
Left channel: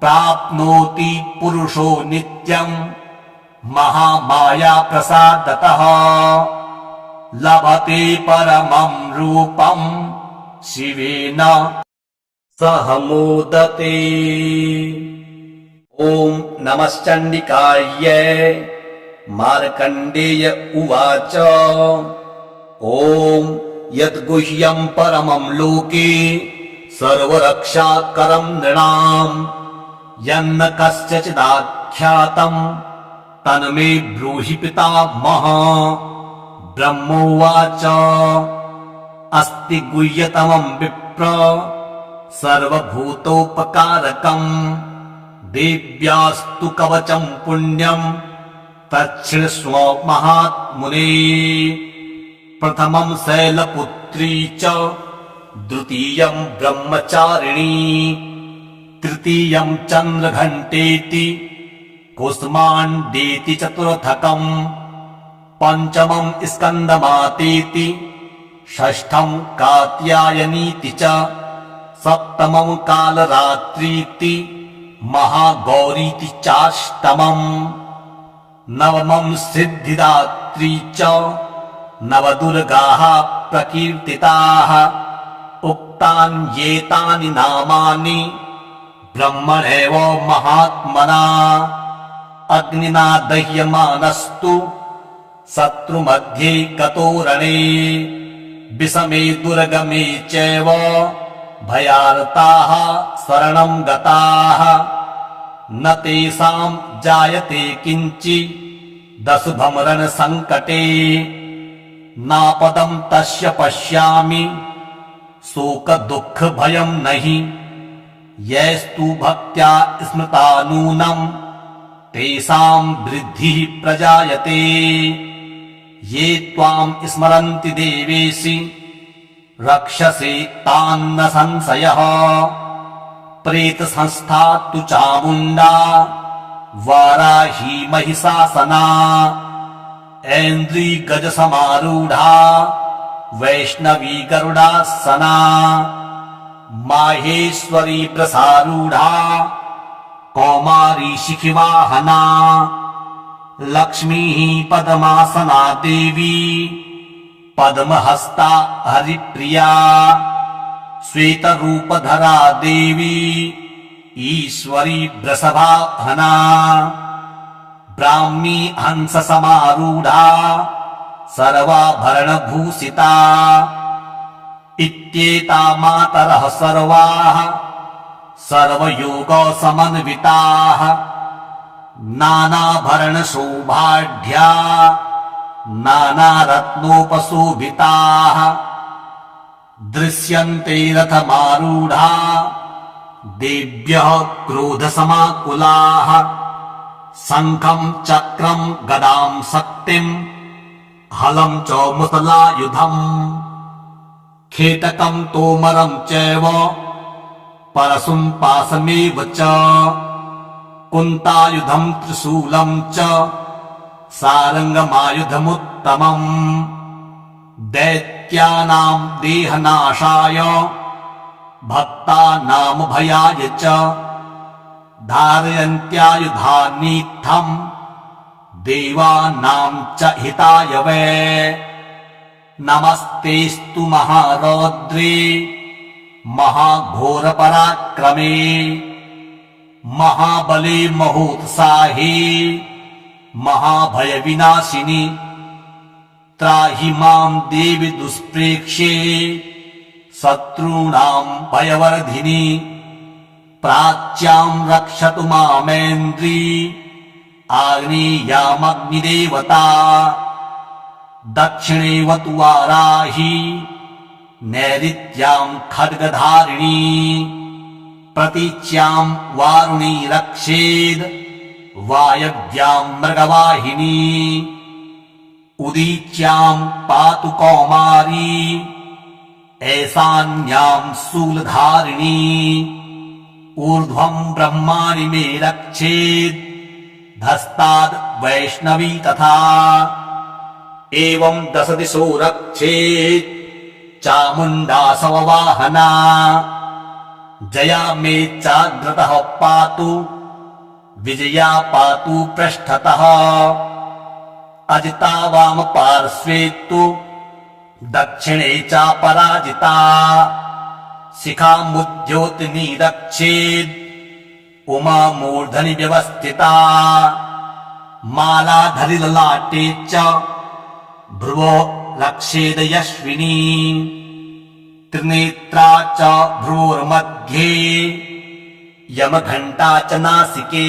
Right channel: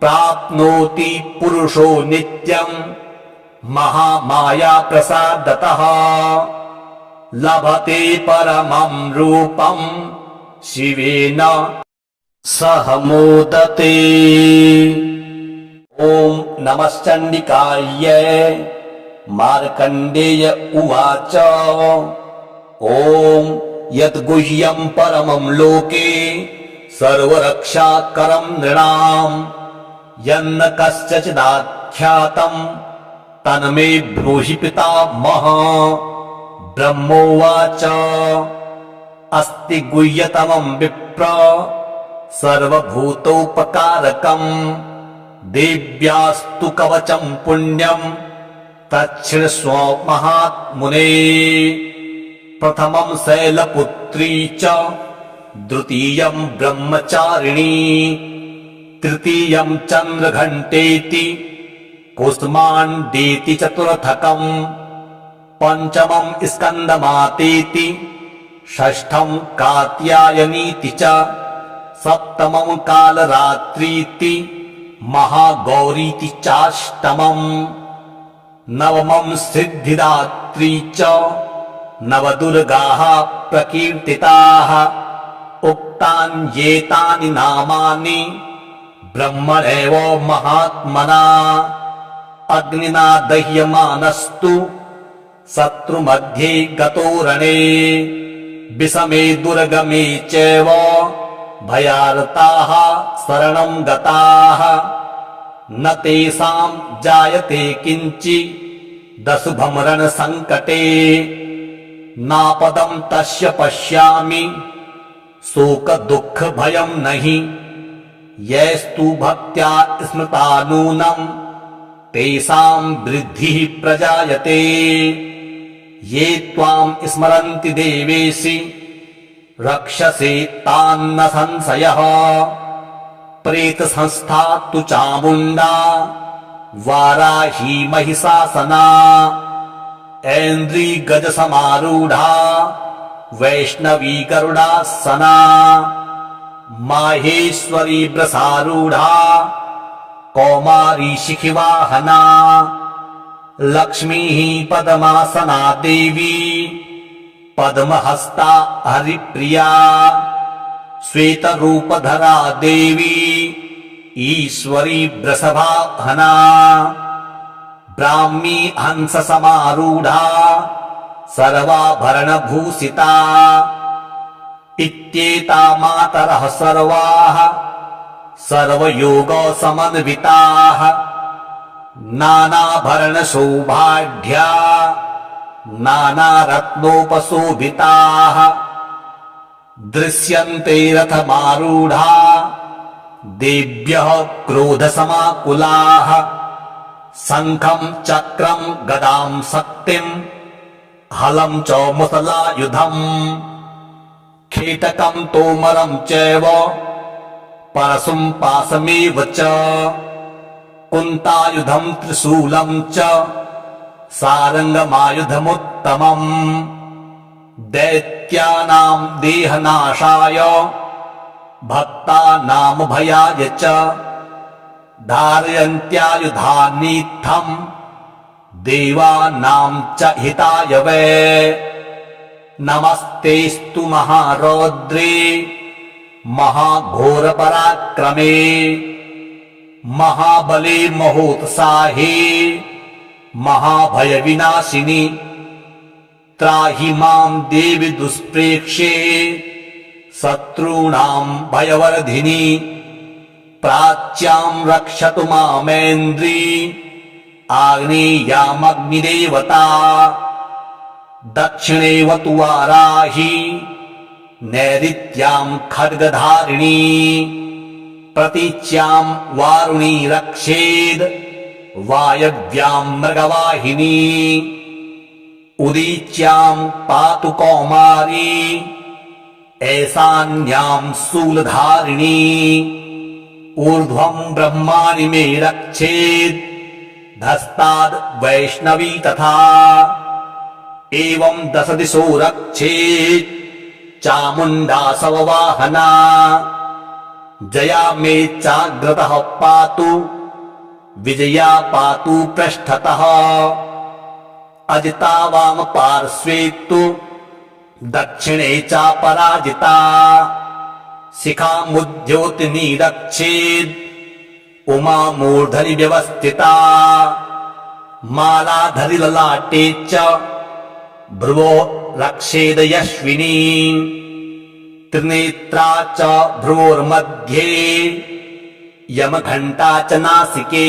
प्राप्नोति पुरुषो नित्यं महामाया प्रसादतः लभते परमं रूपं शिवेन सह मोदते। ॐ नमश्चण्डिकायै मार्कण्डेय उवाच ॐ यद्गुह्यं परमं लोके सर्वरक्षाकरं नृणाम् यन्न कस्यचिदाख्यातं तन्मे ब्रूहि पितामह। ब्रह्मोवाच अस्ति गुह्यतमं विप्र सर्वभूतोपकारकम् देव्यास्तु कवचं पुण्यं तच्छृण्वस्व महात्मुने। प्रथमं शैलपुत्री च द्वितीयं ब्रह्मचारिणी तृतीयं चन्द्रघण्टेति कुष्माण्डेति चतुर्थकम् पञ्चमं स्कन्दमातेति षष्ठं कात्यायनीति च सप्तमं कालरात्रीति महागौरीति चाष्टमम् नवमं सिद्धिदात्री च नवदुर्गाः प्रकीर्तिताः उक्तान्येतानि नामानि ब्रह्मणैव महात्मना अग्निना दह्यमानस्तु शत्रुमध्ये गतो रणे विषमे दुर्गमे चैव भयार्ताः शरणं गताः न तेषां जायते किञ्चिदशुभं रणसङ्कटे नापदं तस्य पश्यामि शोकदुःखभयं नहि यैस्तु भक्त्या स्मृता नूनं तेषां वृद्धिः प्रजायते ये त्वां स्मरन्ति देवेशि रक्षसे तान्न संशयः प्रेतसंस्था तु चामुण्डा वाराही महिषासना ऐन्द्री गजसमारूढा वैष्णवी गरुडासना माहेश्वरी वृषारूढा कौमारी शिखिवाहना लक्ष्मीः पद्मासना देवी पद्महस्ता हरिप्रिया श्वेतरूपधरा देवी ईश्वरी वृषभाहना ब्राह्मी हंससमारूढा सर्वाभरणभूषिता इत्येता मातरः सर्वाः सर्वयोगसमन्विताः नानाभरणशोभाढ्या नानारत्नोपशोभिताः दृश्यन्ते रथमारूढा देव्यः क्रोधसमाकुलाः शङ्खं चक्रं गदां शक्तिं हलं च मुसलायुधम् खेटकं तोमरं चैव परशुं पाशमेव च कुन्तायुधं त्रिशूलं च सारङ्गमायुधमुत्तमम् दैत्यानां देहनाशाय भक्तानामभयाय च धारयन्त्यायुधानीत्थम् देवानां च हिताय वै नमस्तेस्तु महारौद्रे महाघोरपराक्रमे महाबले महोत्साहे महाभयविनाशिनि त्राहि मां देवि दुष्प्रेक्ष्ये शत्रूणां भयवर्धिनि प्राच्यां रक्षतु मामेन्द्री आग्नेयामग्निदेवता दक्षिणेवतु वाराही नैऋत्यां खड्गधारिणी प्रतीच्यां वारुणी रक्षेद् वायव्यां मृगवाहिनी उदीच्यां पातु कौमारी ऐशान्यां शूलधारिणी ऊर्ध्वं ब्रह्माणि मे रक्षेत् धस्ताद् वैष्णवी तथा एवं 10 दिशो रक्षेत् चामुण्डासव वाहना जया मे चाग्रतः पातु विजया पातु पृष्ठतः अजिता वाम पार्श्वे तु दक्षिणे चापराजिता शिखामुद्योतिनी रक्षेद् उमा मूर्धनि व्यवस्थिता मालाधरि ललाटे च भ्रुवो रक्षेद यश्विनी त्रिनेत्रा च भ्रुवोर्मध्ये यमघण्टा च नासिके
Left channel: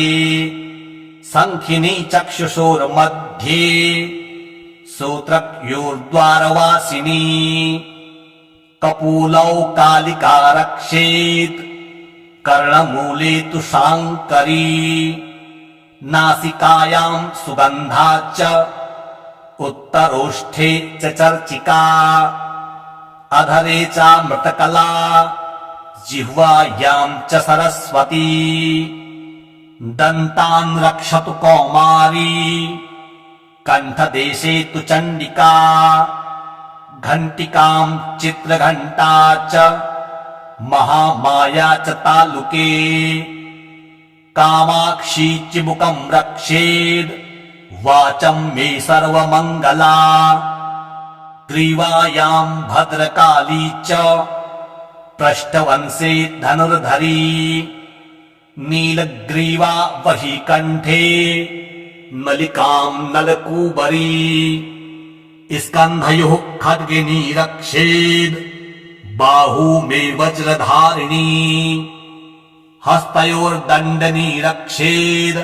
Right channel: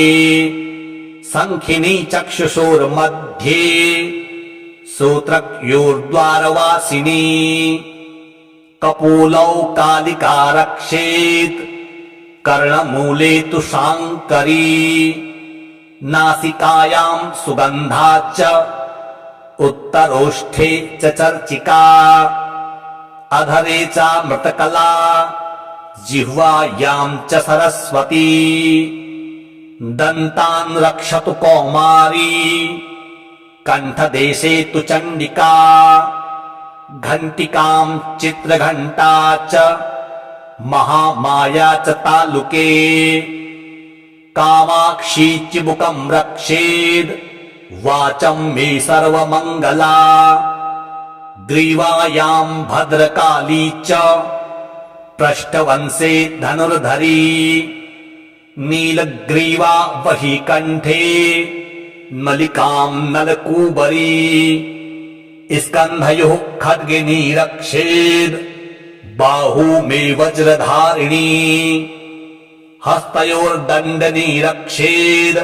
शङ्खिनी चक्षुषोर्मध्ये सूत्रक्योर्द्वारवासिनी कपोलौ कालिका रक्षेत् कर्णमूले तु शाङ्करी नासिकायां सुगन्धा च उत्तरोष्ठे च चर्चिका अधरे चामृतकला जिह्वायां च सरस्वती दन्तान् रक्षतु कौमारी कण्ठदेशे तु चण्डिका घण्टिकां चित्रघण्टा च महामाया च तालुके कामाक्षी चिबुकं रक्षेद् वाचं मे सर्वमङ्गला ग्रीवायां भद्रकाली च पृष्ठवंशे धनुर्धरी नीलग्रीवा वही कण्ठे नलिकां नलकूबरी स्कन्धयोः खड्गिनी रक्षेद् बाहू मे वज्रधारिणी हस्तयोर्दण्डनी रक्षेद्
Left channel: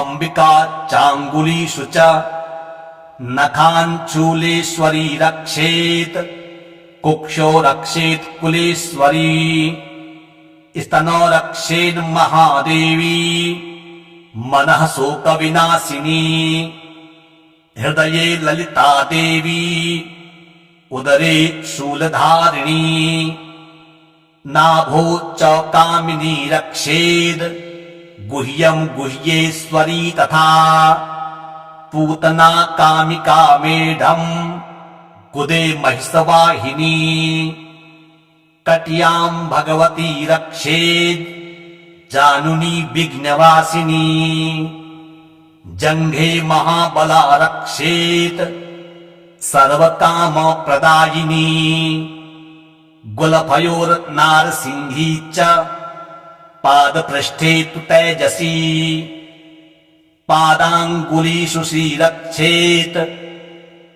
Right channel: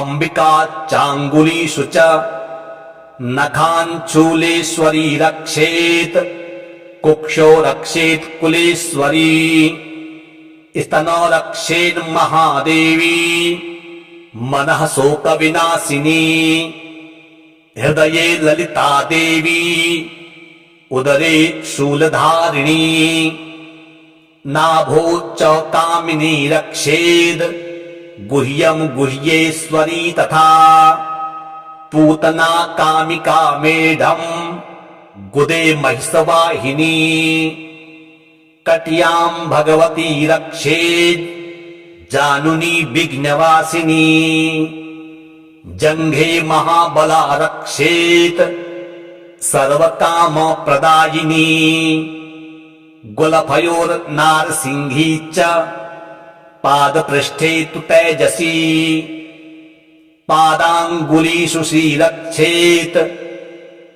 अम्बिका चाङ्गुलीषु च नखाञ्चूलेश्वरी रक्षेत् कुक्षो रक्षेत् कुलेश्वरी स्तनो रक्षेन् महादेवी मनः शोकविनाशिनी हृदये ललिता देवी उदरे शूलधारिणी नाभो च कामिनी रक्षेद् गुह्यं गुह्येश्वरी तथा पूतना कामिका मेढम् गुदे महिषवाहिनी कट्यां भगवती रक्षेद् जानुनी विघ्नवासिनी जङ्घे महाबला रक्षेत् सर्वकामप्रदायिनी गुलफयोर्नारसिंही च पादपृष्ठे तु तेजसी पादाङ्गुलीषु श्रीरक्षेत्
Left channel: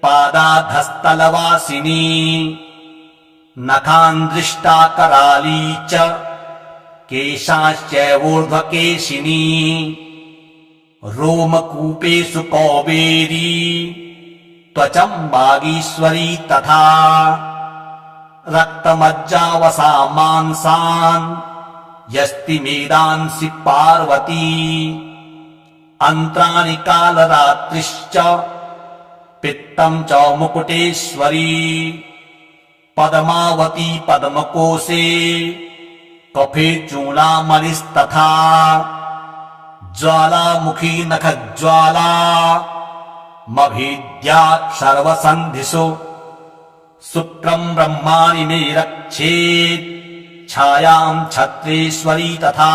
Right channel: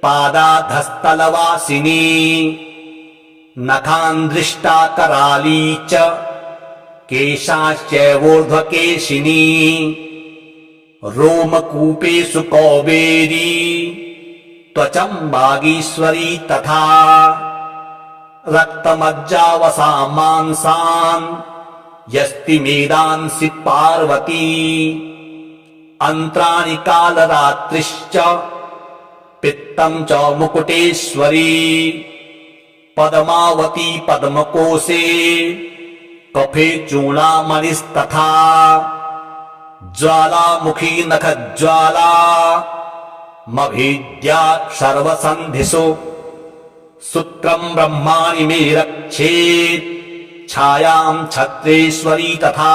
पादाधस्तलवासिनी नखान्दृष्टा कराली च केशाश्चैवोर्ध्वकेशिनी रोमकूपेषु कौबेरी त्वचं वागीश्वरी तथा रक्तमज्जावसा मांसान् यस्ति मेदांसि पार्वती अन्त्राणि कालरात्रिश्च पित्तं च मुकुटेश्वरी पद्मावती पद्मकोशे कफे चूडामणिस्तथा ज्वालामुखी नखज्वाला मभीद्या सर्वसन्धिषु शुक्रं ब्रह्माणि मे रक्षेत् छायां छत्रेश्वरी तथा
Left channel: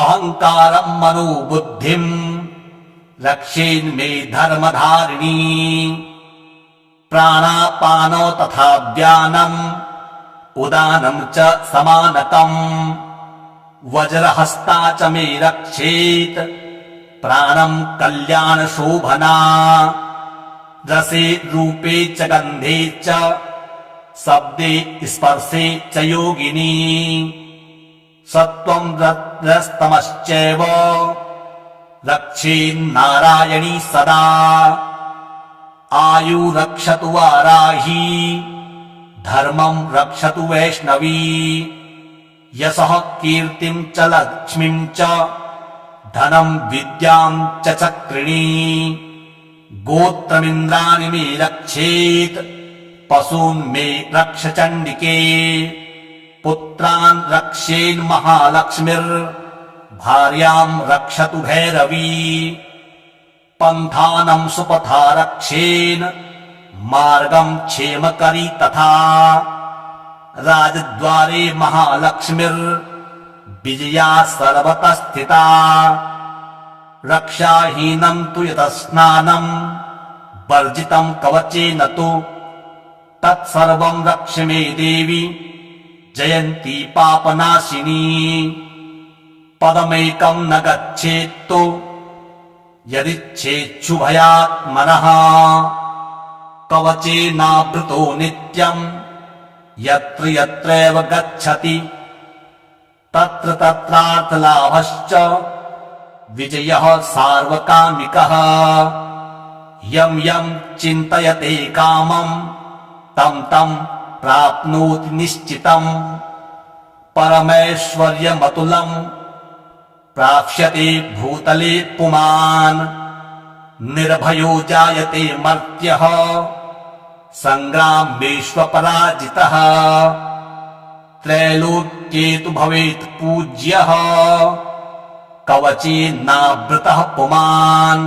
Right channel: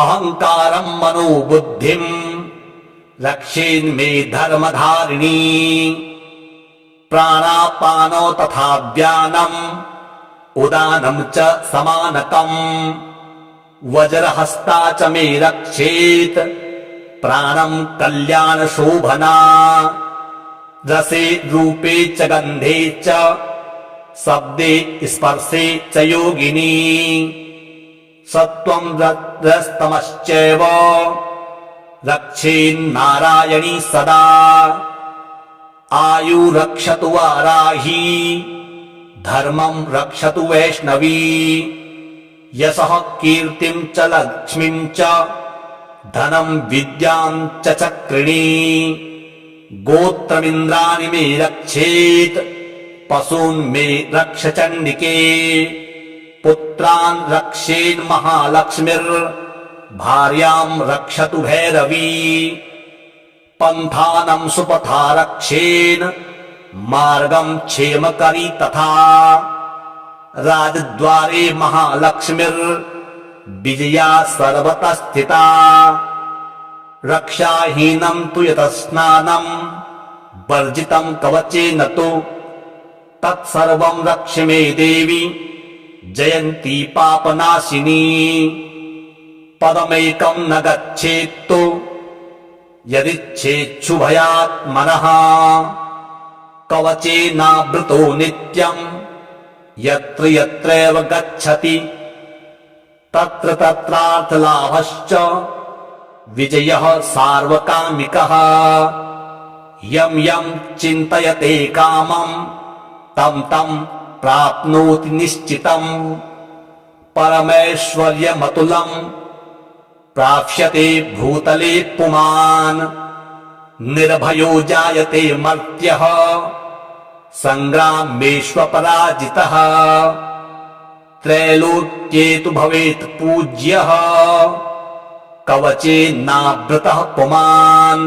अहङ्कारं मनोबुद्धिं रक्षेन्मे धर्मधारिणी प्राणापानो तथा व्यानम् उदानं च समानकम् वज्रहस्ता च मे रक्षेत् प्राणं कल्याणशोभना रसे रूपे च गन्धे च शब्दे स्पर्शे च योगिनी सत्त्वं रजस्तमश्चैव रक्षेन्नारायणी सदा आयु रक्षतु वाराही धर्मं रक्षतु वैष्णवी यशः कीर्तिं च लक्ष्मीं च धनं विद्यां च चक्रिणी गोत्रमिन्द्राणि मे रक्षेत् पशून् मे रक्ष चण्डिके पुत्रान् रक्षेन्महालक्ष्मीर्भार्यां रक्षतु भैरवी पन्थानं सुपथा रक्षेन् मार्गं क्षेमकरी तथा राजद्वारे महालक्ष्मीर्विजया सर्वतः स्थिता रक्षाहीनं तु यतः स्नानं वर्जितं कवचेन तु तत्सर्वं रक्ष मे देवी जयन्ती पापनाशिनी पदमेकं न गच्छेत्तु यदिच्छेच्छुभयात्मनः कवचेनावृतो नित्यं यत्र यत्रैव गच्छति तत्र तत्रार्थलाभश्च विजयः सार्वकामिकः यं यं चिन्तयते कामं तं तं प्राप्नोति निश्चितम् परमैश्वर्यमतुलं प्राप्स्यते भूतले पुमान् निर्भयो जायते मर्त्यः संग्रामेष्वपराजितः त्रैलोक्ये तु भवेत् पूज्यः कवचेनावृतः पुमान्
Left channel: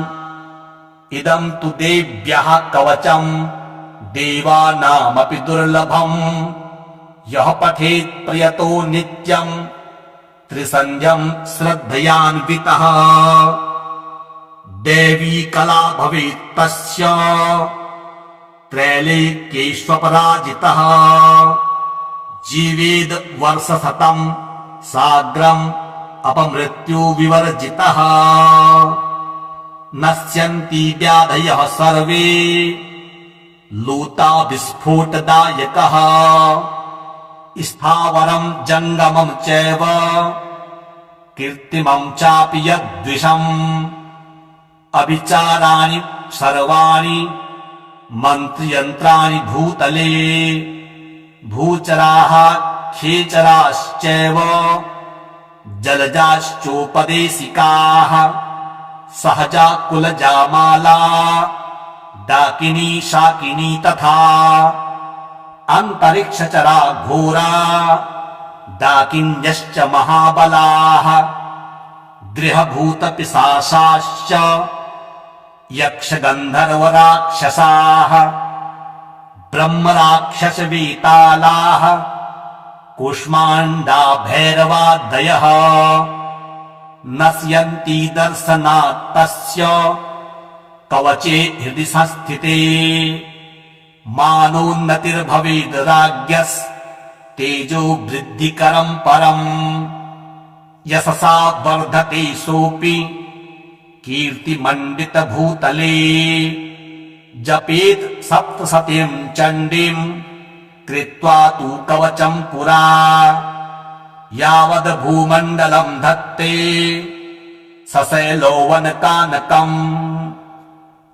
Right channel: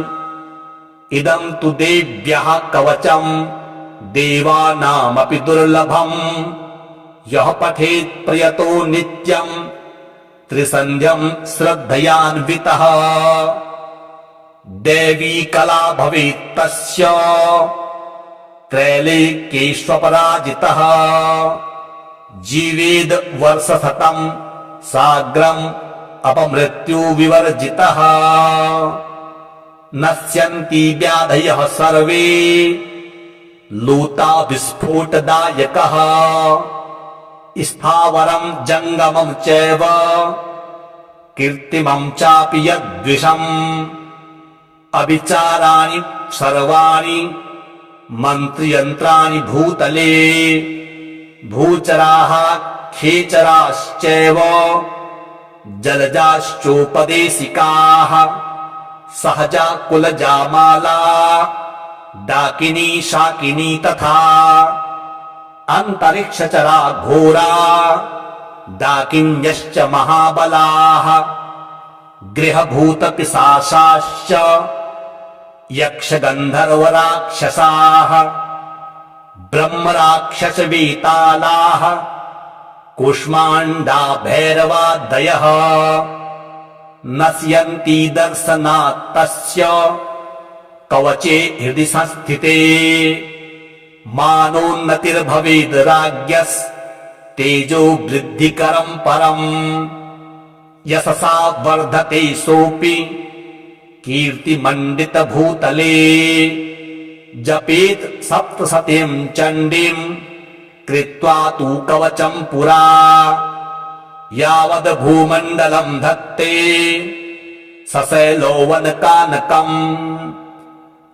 इदं तु देव्यः कवचम् देवानामपि दुर्लभम् यः पठेत् प्रयतो नित्यम् त्रिसन्ध्यं श्रद्धयान्वितः देवी कला भवेत् तस्य त्रैलोक्येष्वपराजितः जीवेद् वर्षशतं साग्रम् अपमृत्यु विवर्जितः नश्यन्ति व्याधयः सर्वे लूता विस्फोटदायकः स्थावरं जङ्गमं चैव कीर्तिमं चापि यद्विषम् अविचाराणि सर्वाणि मन्त्रयन्त्राणि भूतले भूचराः खेचराश्चैव जलजाश्चोपदेशिकाः सहजा कुलजामाला डाकिनी शाकिनी तथा अन्तरिक्षचरा घोरा डाकिन्यश्च महाबलाः गृहभूतपिशाचाश्च यक्षगन्धर्वराक्षसाः ब्रह्मराक्षसवेतालाः कूष्माण्डा भैरवादयः नश्यन्ति दर्शनात् तस्य कवचे हृदि संस्थिते मानोन्नतिर्भवेद् राज्ञस्तेजो वृद्धिकरं परम् यशसा वर्धते सोऽपि कीर्तिमण्डितभूतले जपेत् सप्तशतीं चण्डीं कृत्वा तु कवचं पुरा यावद् भूमण्डलं धत्ते सशैलोवनकानकम्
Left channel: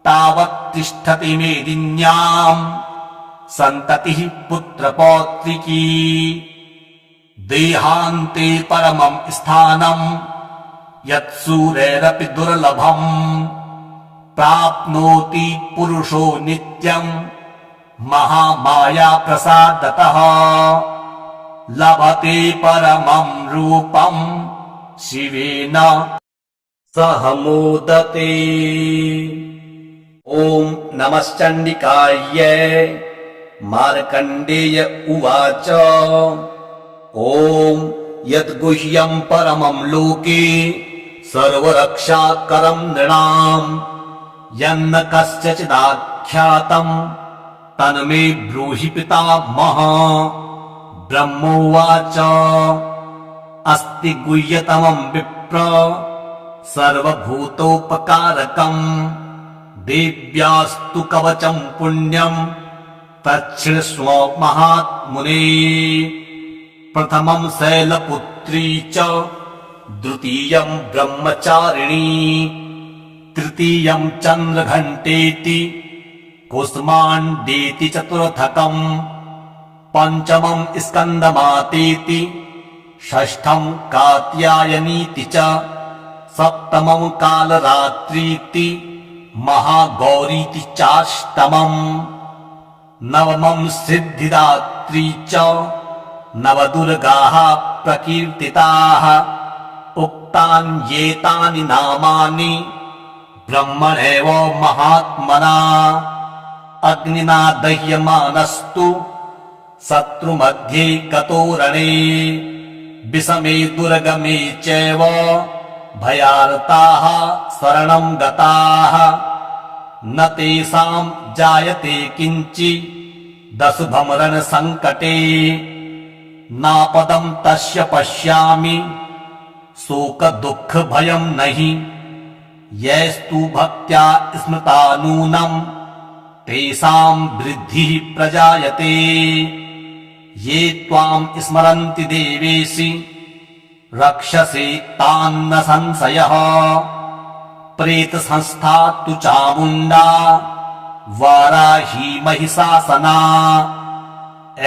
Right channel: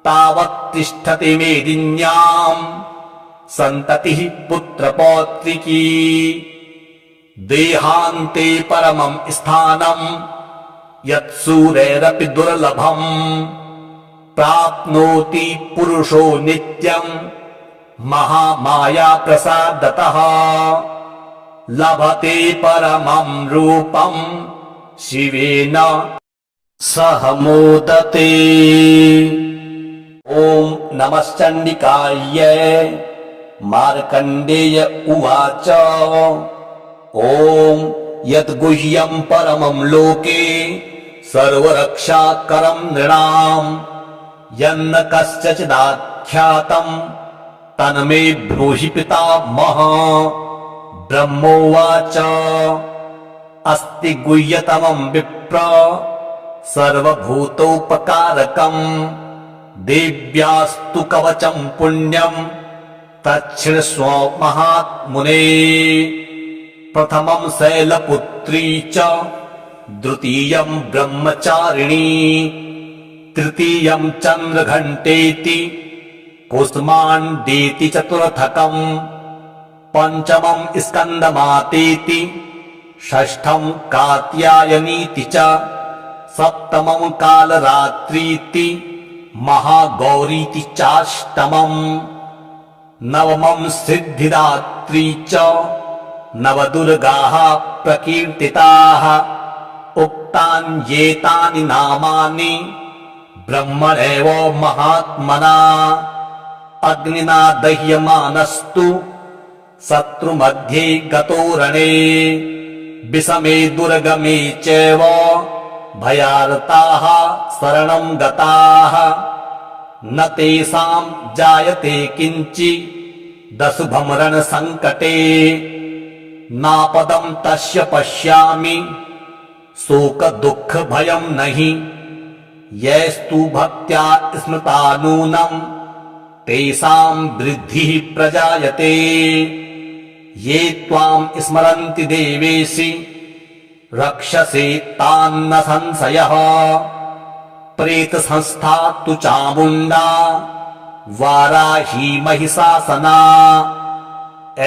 तावत् तिष्ठति मेदिन्याम् सन्ततिः पुत्रपौत्रिकी देहान्ते परमम् स्थानम् यत्सूरैरपि दुर्लभम् प्राप्नोति पुरुषो नित्यम् महामाया प्रसादतः लभते परमम् रूपम् शिवेन सह मोदते। ॐ नमश्चण्डिकायै। मार्कण्डेय उवाच ॐ यद्गुह्यम् परमम् लोके सर्वरक्षाकरम् नृणाम् यन्न कस्यचिदाख्यातम् तन्मे ब्रूहि पितामह। ब्रह्मोवाच अस्ति गुह्यतमम् विप्र सर्वभूतोपकारकम् देव्यास्तु कवचम् पुण्यम् तच्छृण्वस्व महात्मुने। प्रथमम् शैलपुत्री च द्वितीयम् ब्रह्मचारिणी तृतीयम् चन्द्रघण्टेति कुष्माण्डेति चतुर्थकम् पञ्चमम् स्कन्दमातेति षष्ठम् कात्यायनीति च सप्तमम् कालरात्रीति महागौरीति चाष्टमम् नवमम् सिद्धिदात्री च नवदुर्गाः प्रकीर्तिताः उक्तान्येतानि नामानि ब्रह्मणैव महात्मना। अग्निना दह्यमानस्तु शत्रुमध्ये गतो रणे विषमे दुर्गमे चैव भयार्ताः शरणम् गताः न तेषाम् जायते किञ्चिदशुभम् रणसङ्कटे नापदम् तस्य पश्यामि शोकदुःखभयम् नहि यैस्तु भक्त्या स्मृता नूनम् तेषाम् वृद्धिः प्रजायते ये त्वाम् स्मरन्ति देवेशि रक्षसे तान्न संशयः। प्रेतसंस्था तु चामुण्डा वाराही महिषासना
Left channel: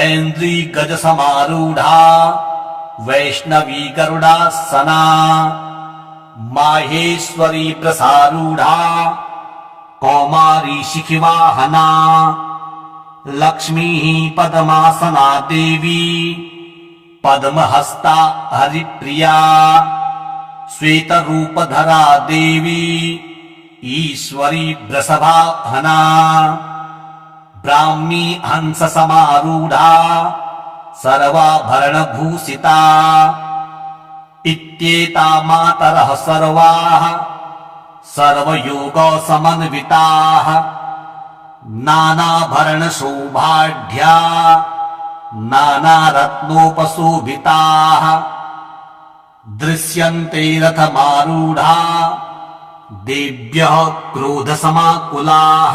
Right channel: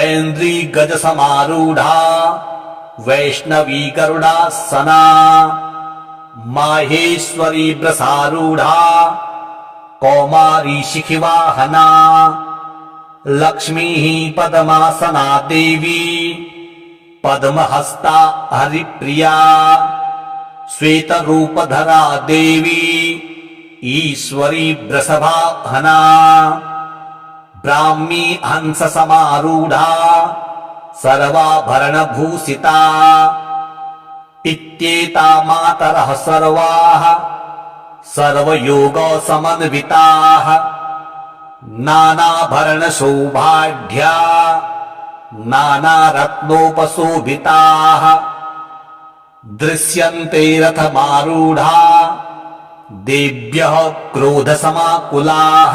ऐन्द्री गजसमारूढा वैष्णवी गरुडासना माहेश्वरी वृषारूढा कौमारी शिखिवाहना लक्ष्मीः पद्मासना देवी पद्महस्ता हरिप्रिया श्वेतरूपधरा देवी ईश्वरी वृषभाहना ब्राह्मी हंससमारूढा सर्वाभरणभूषिता इत्येता मातरः सर्वाः सर्वयोगसमन्विताः नानाभरणशोभाढ्या नानारत्नोपशोभिताः दृश्यन्ते रथमारूढा देव्यः क्रोधसमाकुलाः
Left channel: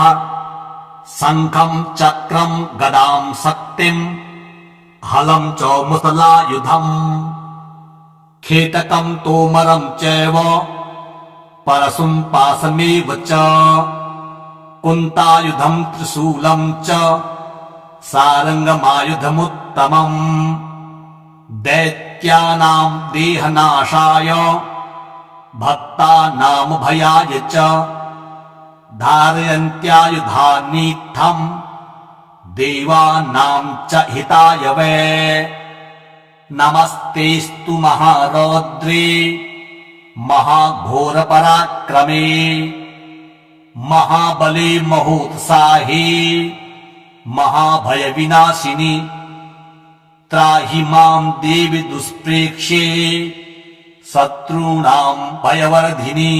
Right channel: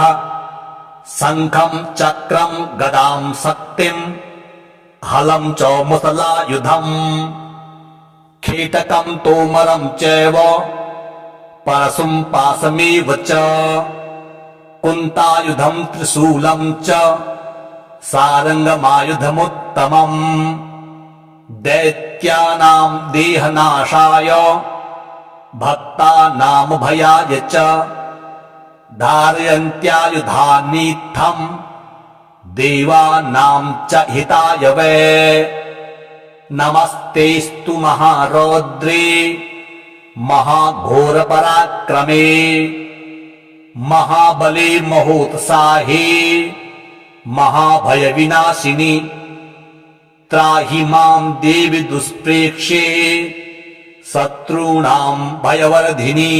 शङ्खम् चक्रम् गदाम् शक्तिम् हलम् च मुसलायुधम् खेटकम् तोमरम् चैव परशुम् पाशमेव च कुन्तायुधम् त्रिशूलम् च सारङ्गमायुधमुत्तमम् दैत्यानाम् देहनाशाय भक्तानाम् भयाय च धारयन्त्यायुधानीत्थम् देवानाम् च हिताय वै नमस्तेस्तु महारौद्रे महाघोरपराक्रमे महाबले महोत्साहे महाभयविनाशिनि त्राहि माम् देवि दुष्प्रेक्ष्ये शत्रूणाम् भयवर्धिनि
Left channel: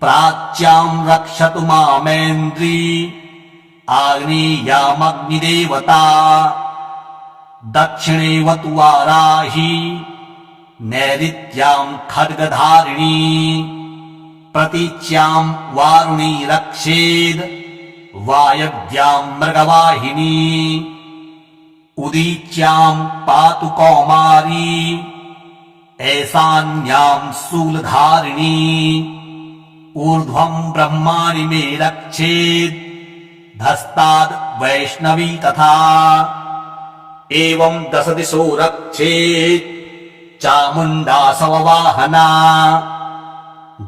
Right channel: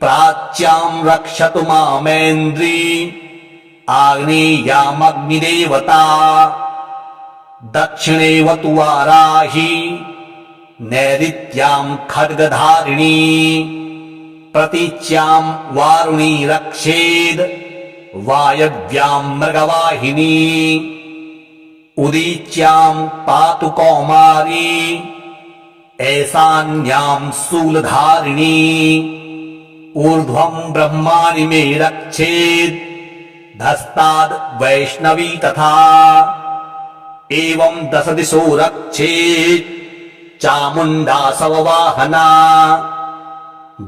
प्राच्याम् रक्षतु मामेन्द्री आग्नेयामग्निदेवता दक्षिणेवतु वाराही नैऋत्याम् खड्गधारिणी प्रतीच्याम् वारुणी रक्षेद् वायव्याम् मृगवाहिनी उदीच्याम् पातु कौमारी ऐसान्यां शूलधारिणी ऊर्ध्वं ब्रह्माणि मे रक्षेत् धस्ताद् वैष्णवी तथा एवं दश दिशो रक्षेत् चामुण्डा सववाहना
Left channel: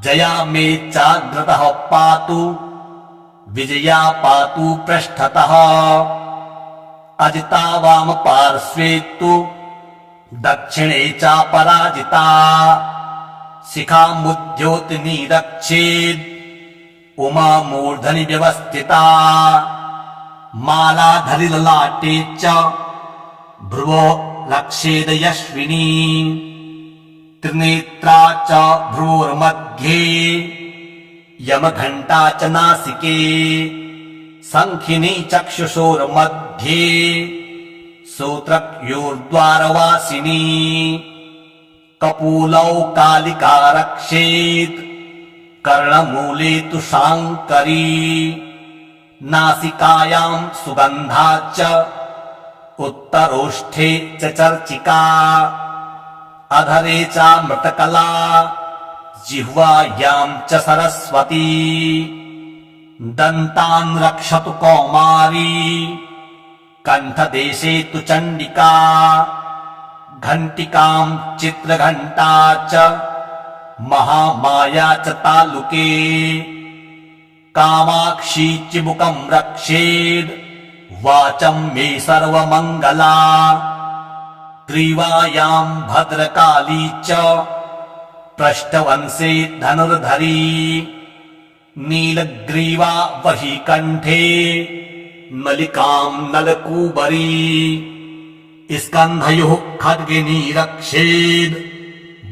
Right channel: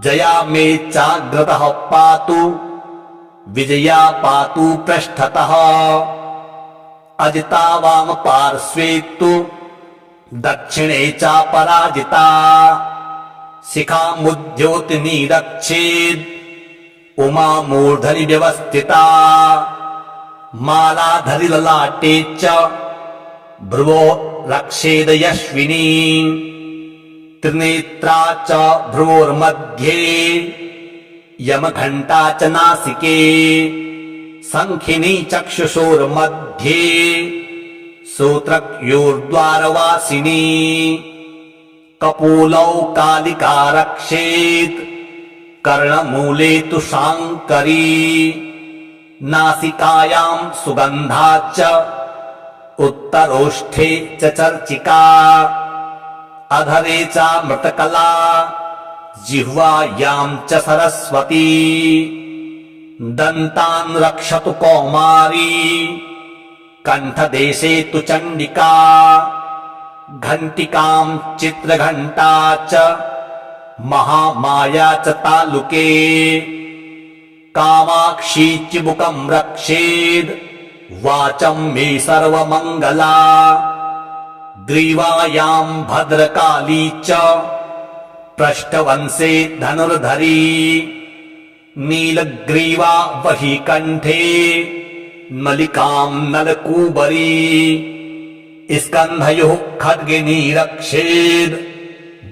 जया मे चाग्रतः पातु विजया पातु पृष्ठतः अजिता वाम पार्श्वे तु दक्षिणे च पराजिता शिखामुद्योतिनी रक्षेत् उमा मूर्धनि व्यवस्थिता मालाधरि ललाटे च भ्रुवो रक्षेद यश्विनी त्रिनेत्रा च भ्रुवोर्मध्ये यमघण्टा च नासिके शङ्खिनी चक्षुषोर्मध्ये श्रोत्रयोर्द्वारवासिनी कपोलौ कालिका रक्षेत् कर्णमूले तु शाङ्करी नासिकायां सुगन्धा च उत्तरोष्ठे च चर्चिका अधरे चामृतकला जिह्वायां च सरस्वती दन्तान् रक्षतु कौमारी कण्ठदेशे तु चण्डिका घण्टिकां चित्रघण्टा च महामाया च तालुके कामाक्षी चिबुकं रक्षेद् वाचं मे सर्वमङ्गला ग्रीवायां भद्रकाली च पृष्ठवंशे धनुर्धरी नीलग्रीवा वही कण्ठे नलिकां नलकूबरी स्कन्धयोः खड्गिनी रक्षेद्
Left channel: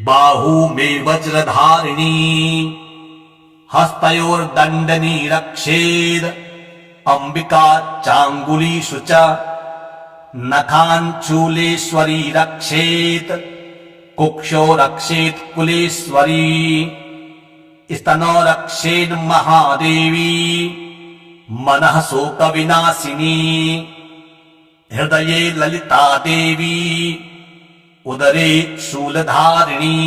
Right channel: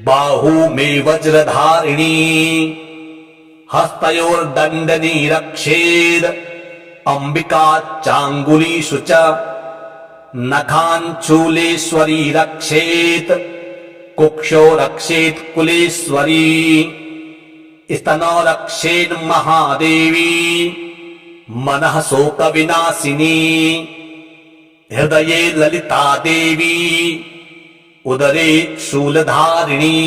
बाहू मे वज्रधारिणी हस्तयोर्दण्डनी रक्षेद् अम्बिका चाङ्गुलीषु च नखान् चूलेश्वरी रक्षेत् कुक्षो रक्षेत् कुलेश्वरी स्तनो रक्षेन् महादेवी मनः शोकविनाशिनी हृदये ललिता देवी उदरे शूलधारिणी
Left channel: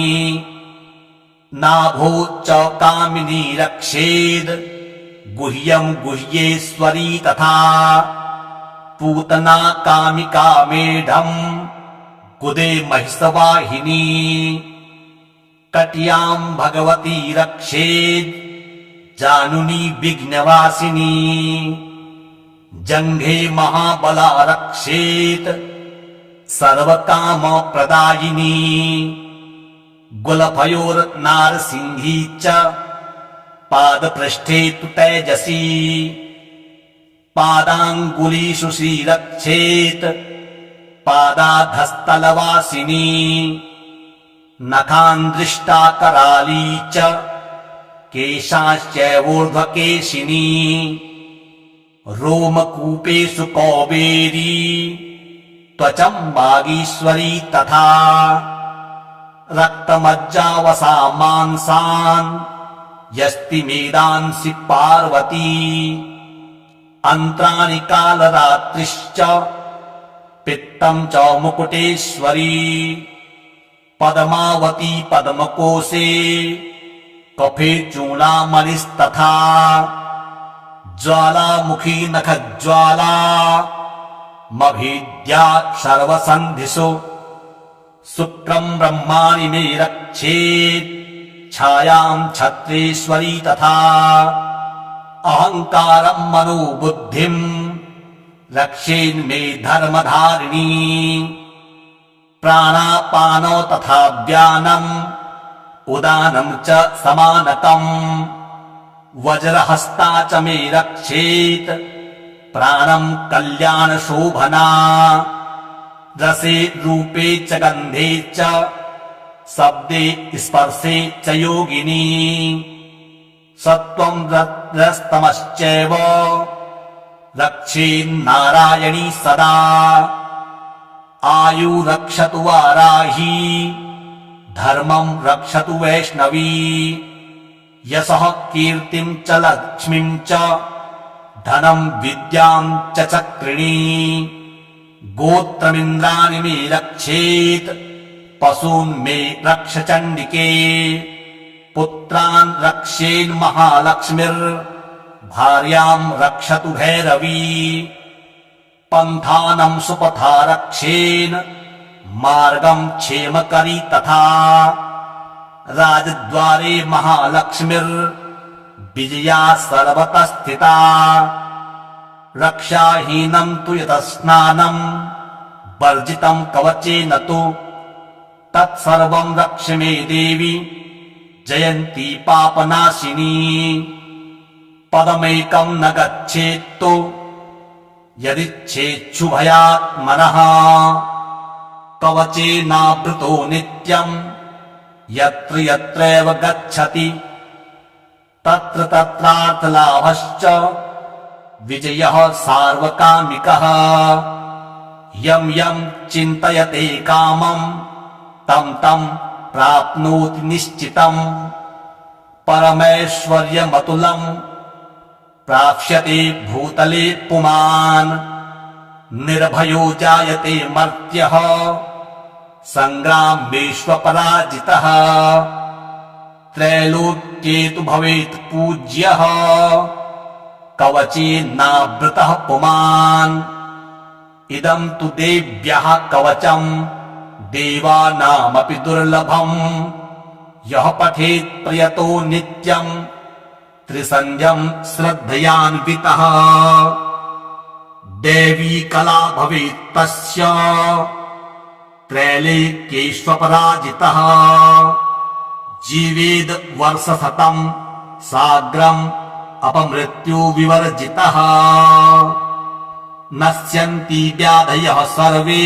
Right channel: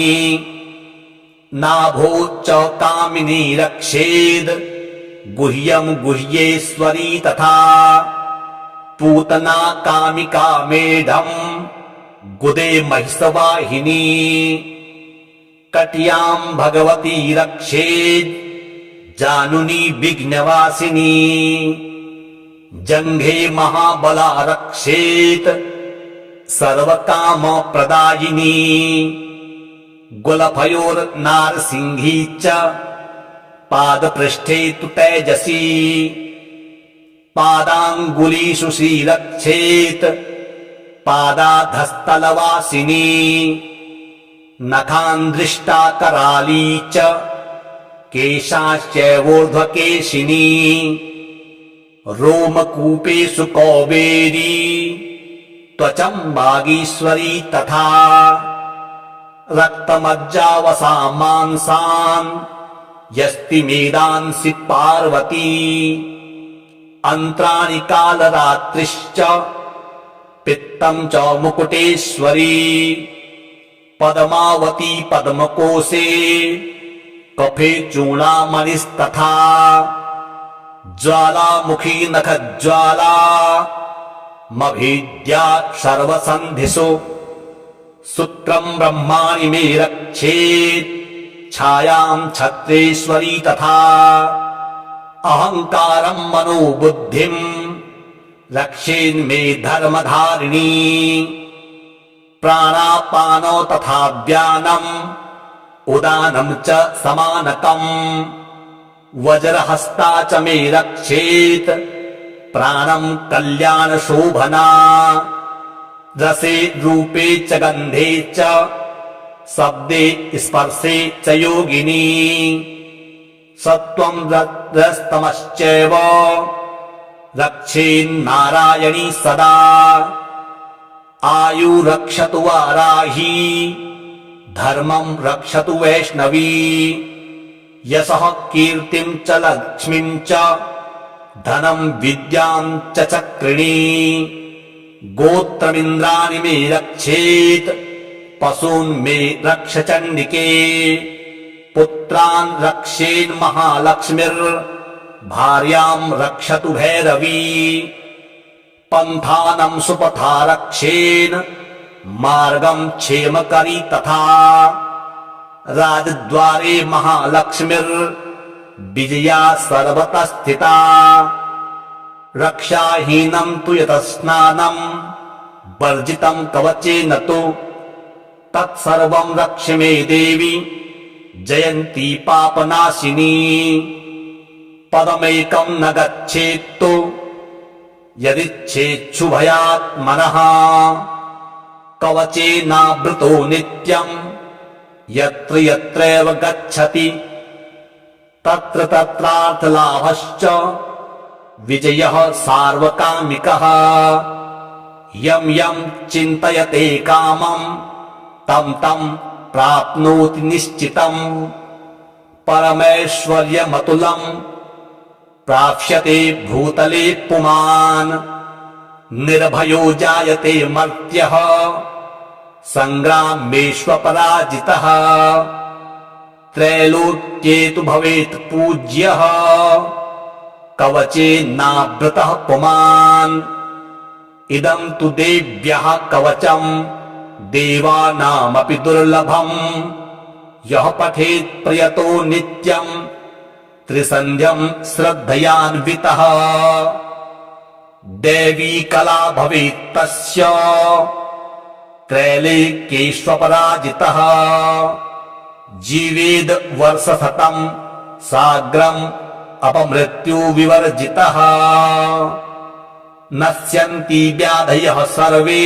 नाभो च कामिनी रक्षेद् गुह्यं गुह्येश्वरी तथा पूतना कामिका मेढम् गुदे महिषवाहिनी कट्यां भगवती रक्षेद् जानुनी विघ्नवासिनी जङ्घे महाबला रक्षेत् सर्वकामप्रदायिनी गुलफयोर्नारसिंही च पादपृष्ठे तु तेजसी पादाङ्गुलीषु श्रीरक्षेत् पादाधस्तलवासिनी नखान्दृष्टा कराली च केशाश्चैवोर्ध्वकेशिनी रोमकूपेषु कौबेरी त्वचं वागीश्वरी तथा रक्तमज्जावसा मांसान् यस्ति मेदांसि पार्वती अन्त्राणि कालरात्रिश्च पित्तं च मुकुटेश्वरी पद्मावती पद्मकोशे कफे चूडामणिस्तथा ज्वालामुखी नखज्वाला मभीद्या सर्वसन्धिषु शुक्रं ब्रह्माणि मे रक्षेत् छायां छत्रेश्वरी तथा अहङ्कारं मनोबुद्धिं रक्षेन्मे धर्मधारिणी प्राणापानो तथा व्यानम् उदानं च समानकम् वज्रहस्ता च मे रक्षेत् प्राणं कल्याणशोभना रसे रूपे च गन्धे च शब्दे स्पर्शे च योगिनी सत्त्वं रजस्तमश्चैव रक्षेन्नारायणी सदा आयु रक्षतु वाराही धर्मं रक्षतु वैष्णवी यशः कीर्तिं च लक्ष्मीं च धनं विद्यां च चक्रिणी गोत्रमिन्द्राणि मे रक्षेत् पशून् मे रक्ष चण्डिके पुत्रान् रक्षेन्महालक्ष्मीर्भार्याम् रक्षतु भैरवी पन्थानं सुपथा रक्षेन् मार्गं क्षेमकरी तथा राजद्वारे महालक्ष्मीर्विजया सर्वतः स्थिता रक्षाहीनं तु यतस्नानं वर्जितं कवचेन तु तत्सर्वं रक्ष मे देवी जयन्ती पापनाशिनी पदमेकं न गच्छेत्तु यदिच्छेच्छुभयात्मनः कवचेनावृतो नित्यं यत्र यत्रैव गच्छति तत्र तत्रार्थलाभश्च विजयः सार्वकामिकः यं यं चिन्तयते कामं तं तं प्राप्नोति निश्चितम् परमैश्वर्यमतुलं प्राप्स्यते भूतले पुमान् निर्भयो जायते मर्त्यः संग्रामेष्वपराजितः त्रैलोक्ये तु भवेत् पूज्यः कवचेनावृतः पुमान् इदं तु देव्यः कवचम् देवानामपि दुर्लभम् यः पठेत् प्रयतो नित्यम् त्रिसन्ध्यम् श्रद्धयान्वितः देवी कला भवेत् तस्य त्रैलोक्येष्वपराजितः जीवेद् वर्षशतम् साग्रम् अपमृत्यु विवर्जितः नश्यन्ति व्याधयः सर्वे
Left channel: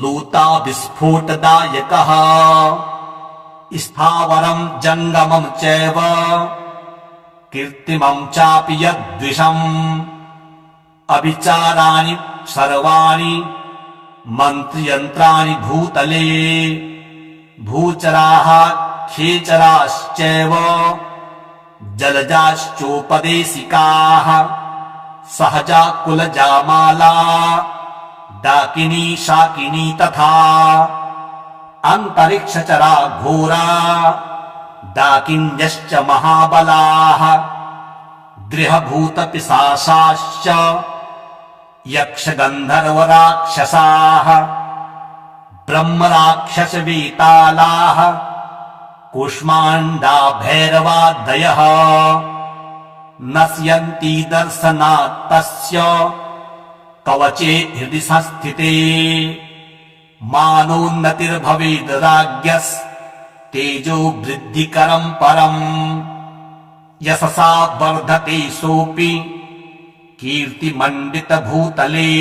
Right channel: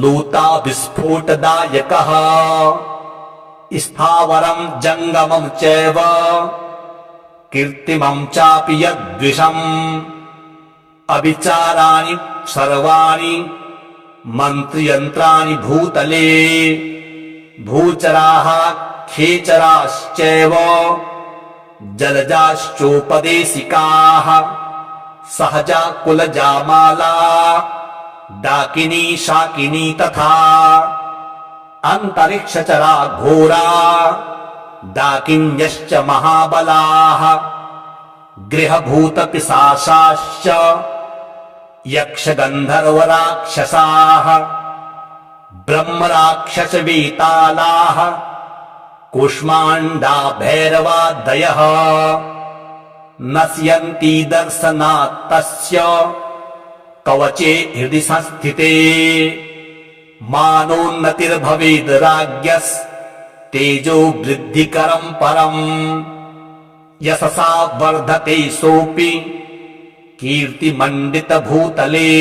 लूता विस्फोटदायकः स्थावरं जङ्गमं चैव कीर्तिमं चापि यद्विषम् अविचाराणि सर्वाणि मन्त्रयन्त्राणि भूतले भूचराः खेचराश्चैव जलजाश्चोपदेशिकाः सहजा कुलजामाला डाकिनी शाकिनी तथा अन्तरिक्षचरा घोरा डाकिन्यश्च महाबलाः गृहभूतपिशाचाश्च यक्षगन्धर्वराक्षसाः ब्रह्मराक्षसवेतालाः कूष्माण्डा भैरवादयः नश्यन्ति दर्शनात् तस्य कवचे हृदि संस्थिते मानोन्नतिर्भवेद् राज्ञस्तेजो वृद्धिकरं परम् यशसा वर्धते सोऽपि कीर्तिमण्डितभूतले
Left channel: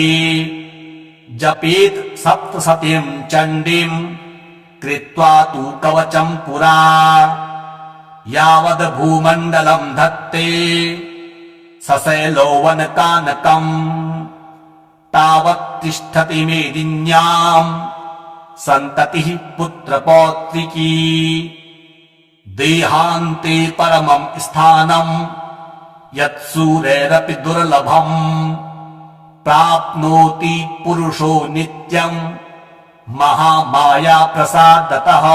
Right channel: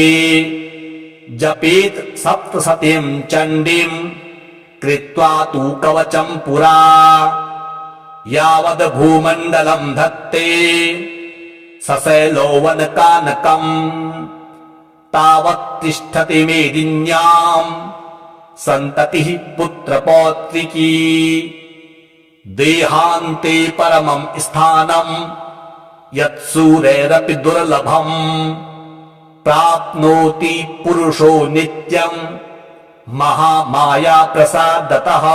जपेत् सप्तशतीं चण्डीं कृत्वा तु कवचं पुरा यावद् भूमण्डलं धत्ते सशैलोवनकानकम् तावत् तिष्ठति मेदिन्यां सन्ततिः पुत्रपौत्रिकी देहान्ते परमं स्थानं यत्सूरैरपि दुर्लभम् प्राप्नोति पुरुषो नित्यं महामाया प्रसादतः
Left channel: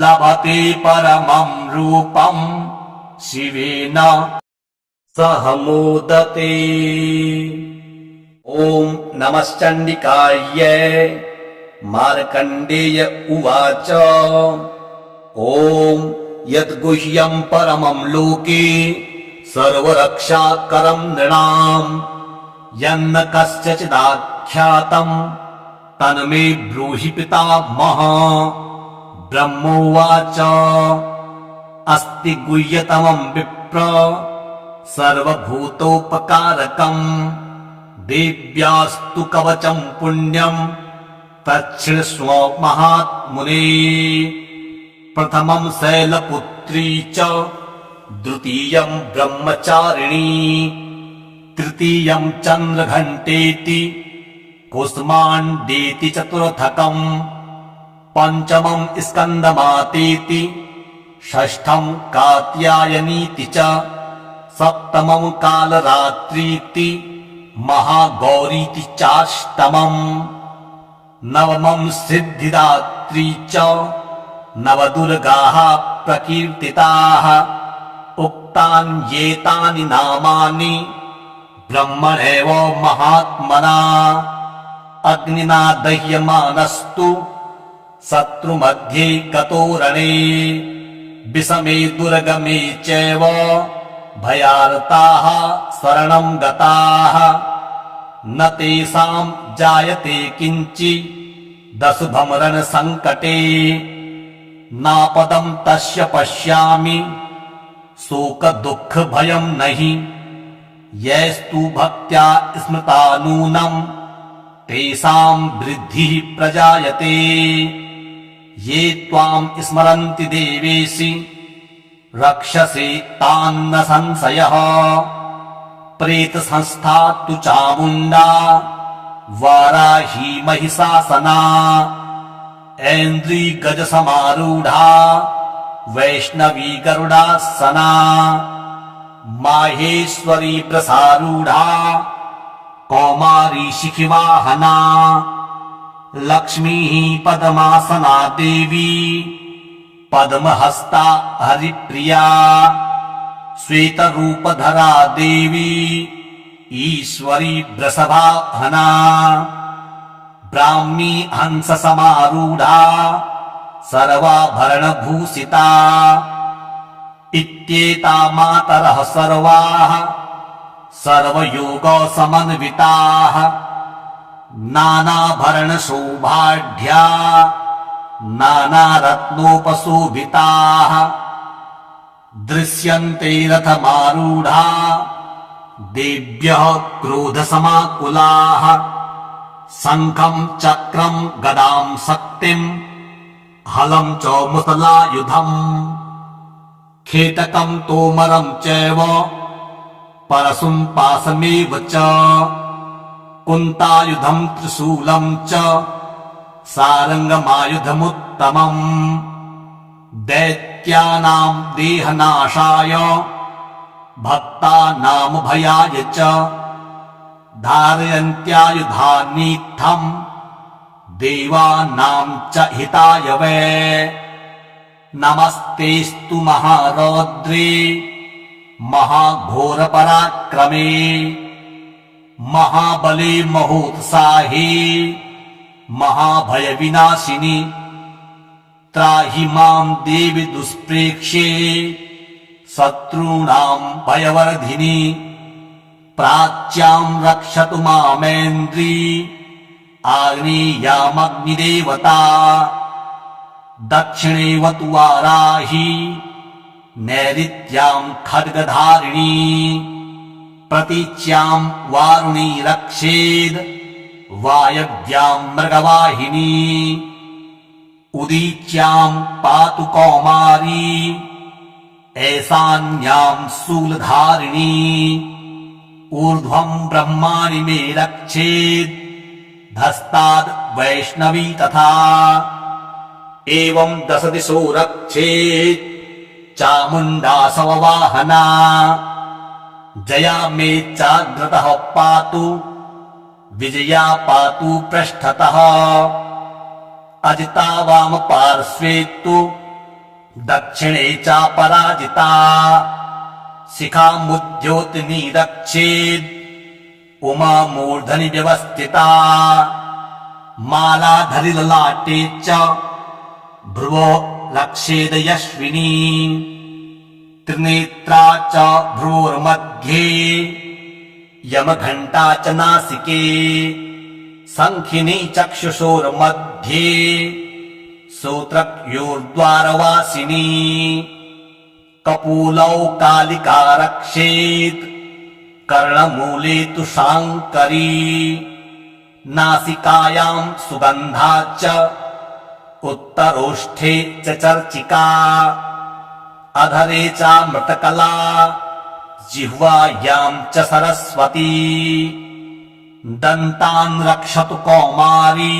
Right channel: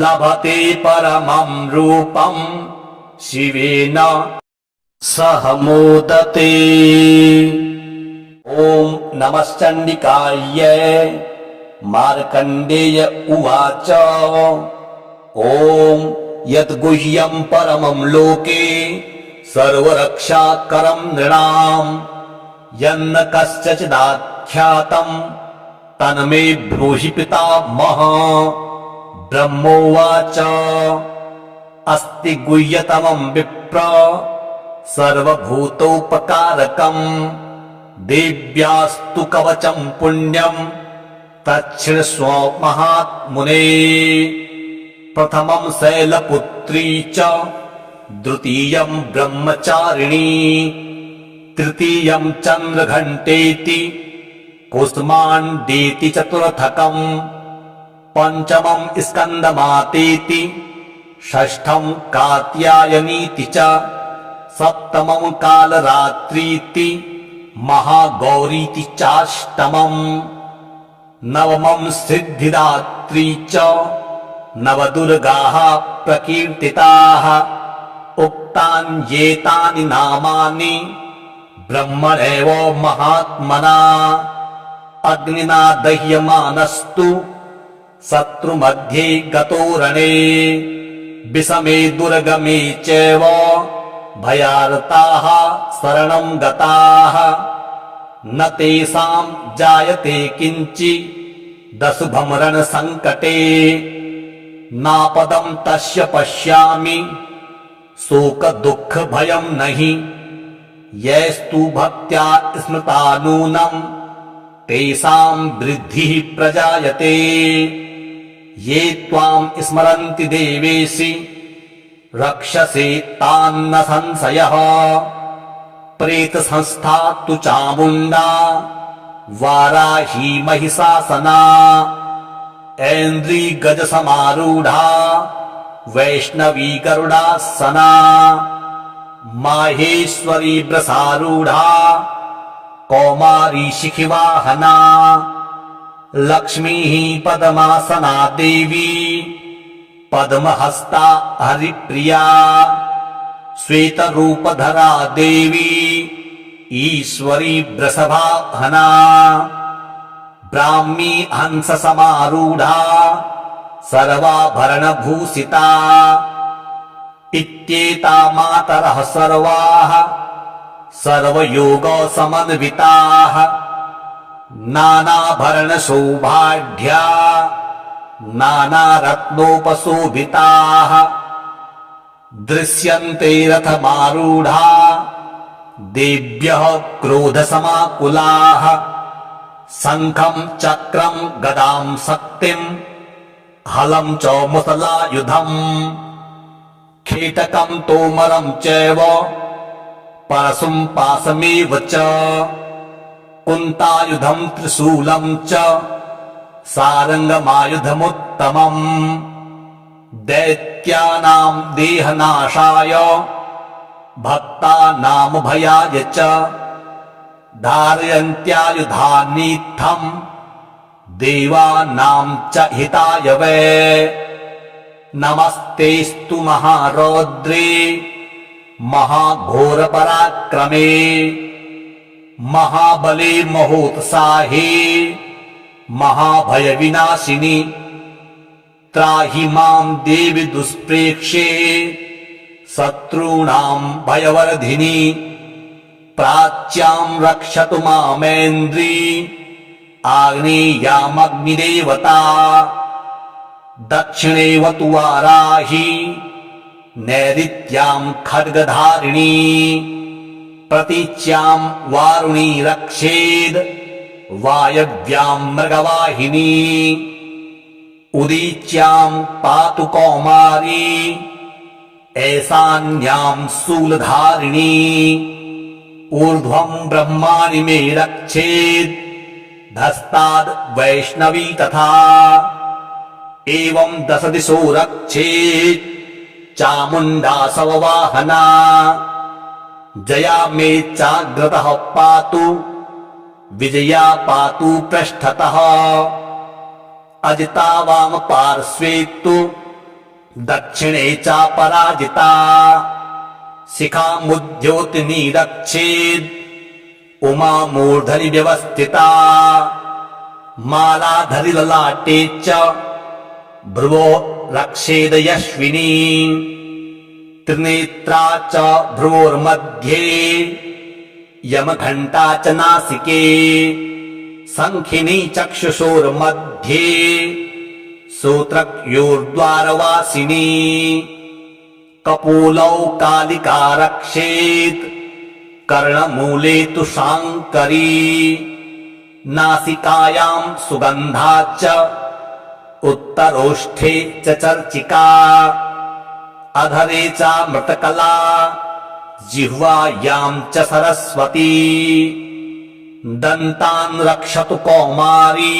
लभते परमं रूपं शिवेन सह मोदते। ॐ नमश्चण्डिकायै मार्कण्डेय उवाच ॐ यद्गुह्यं परमं लोके सर्वरक्षाकरं नृणाम् यन्न कस्यचिदाख्यातं तन्मे ब्रूहि पितामह। ब्रह्मोवाच अस्ति गुह्यतमं विप्र सर्वभूतोपकारकम् देव्यास्तु कवचं पुण्यं तच्छृण्वस्व महात्मुने। प्रथमं शैलपुत्री च द्वितीयं ब्रह्मचारिणी तृतीयं चन्द्रघण्टेति कुष्माण्डेति चतुर्थकम् पञ्चमं स्कन्दमातेति षष्ठं कात्यायनीति च सप्तमं कालरात्रीति महागौरीति चाष्टमम् नवमं सिद्धिदात्री च नवदुर्गाः प्रकीर्तिताः उक्तान्येतानि नामानि ब्रह्मणेव महात्मना अग्निना दह्यमानस्तु शत्रुमध्ये गतो रणे विषमे दुर्गमे चैव भयार्ताः शरणं गताः न तेषां जायते किञ्चिदशुभं रणसङ्कटे नापदं तस्य पश्यामि शोकदुःखभयं नहि यैस्तु भक्त्या स्मृता नूनं तेषां वृद्धिः प्रजायते ये त्वां स्मरन्ति देवेशि रक्षसे तान्न संशयः प्रेतसंस्था तु चामुण्डा वाराही महिषासना ऐन्द्री गजसमारूढा वैष्णवी गरुडासना माहेश्वरी वृषारूढा कौमारी शिखिवाहना लक्ष्मीः पद्मासना देवी पद्महस्ता हरिप्रिया श्वेतरूपधरा देवी ईश्वरी वृषभाहना ब्राह्मी हंससमारूढा सर्वाभरणभूषिता इत्येता मातरः सर्वाः सर्वयोगसमन्विताः नानाभरणशोभाढ्या नानारत्नोपशोभिताः दृश्यन्ते रथमारूढा देव्यः क्रोधसमाकुलाः शङ्खं चक्रं गदां शक्तिं हलं च मुसलायुधम् खेटकं तोमरं चैव परशुं पाशमेव च कुन्तायुधं त्रिशूलं च सारङ्गमायुधमुत्तमम् दैत्यानां देहनाशाय भक्तानामभयाय च धारयन्त्यायुधानीत्थं देवानां च हिताय वै नमस्तेस्तु महारौद्रे महाघोरपराक्रमे महाबले महोत्साहे महाभयविनाशिनि त्राहि मां देवि दुष्प्रेक्ष्ये शत्रूणां भयवर्धिनि प्राच्यां रक्षतु मामेन्द्री आग्नेयामग्निदेवता दक्षिणेवतु वाराही नैऋत्यां खड्गधारिणी प्रतीच्यां वारुणी रक्षेद् वायव्यां मृगवाहिनी उदीच्यां पातु कौमारी ऐशान्यां शूलधारिणी ऊर्ध्वं ब्रह्माणि मे रक्षेद् धस्ताद् वैष्णवी तथा एवं दश दिशो रक्षेत् चामुण्डासव वाहना जया मे चाग्रतः पातु विजया पातु पृष्ठतः अजिता वाम पार्श्वे तु दक्षिणे चापराजिता शिखामुद्योतिनी रक्षेद् उमा मूर्धनि व्यवस्थिता मालाधरि ललाटे च भ्रुवो रक्षेद यश्विनी त्रिनेत्रा च भ्रुवोर्मध्ये यमघण्टा च नासिके शङ्खिनी चक्षुषोर्मध्ये श्रोत्रयोर्द्वारवासिनी कपोलौ कालिका रक्षेत् कर्णमूले तु शाङ्करी नासिकायां सुगन्धा च उत्तरोष्ठे च चर्चिका अधरे चामृतकला जिह्वायां च सरस्वती दन्तान् रक्षतु कौमारी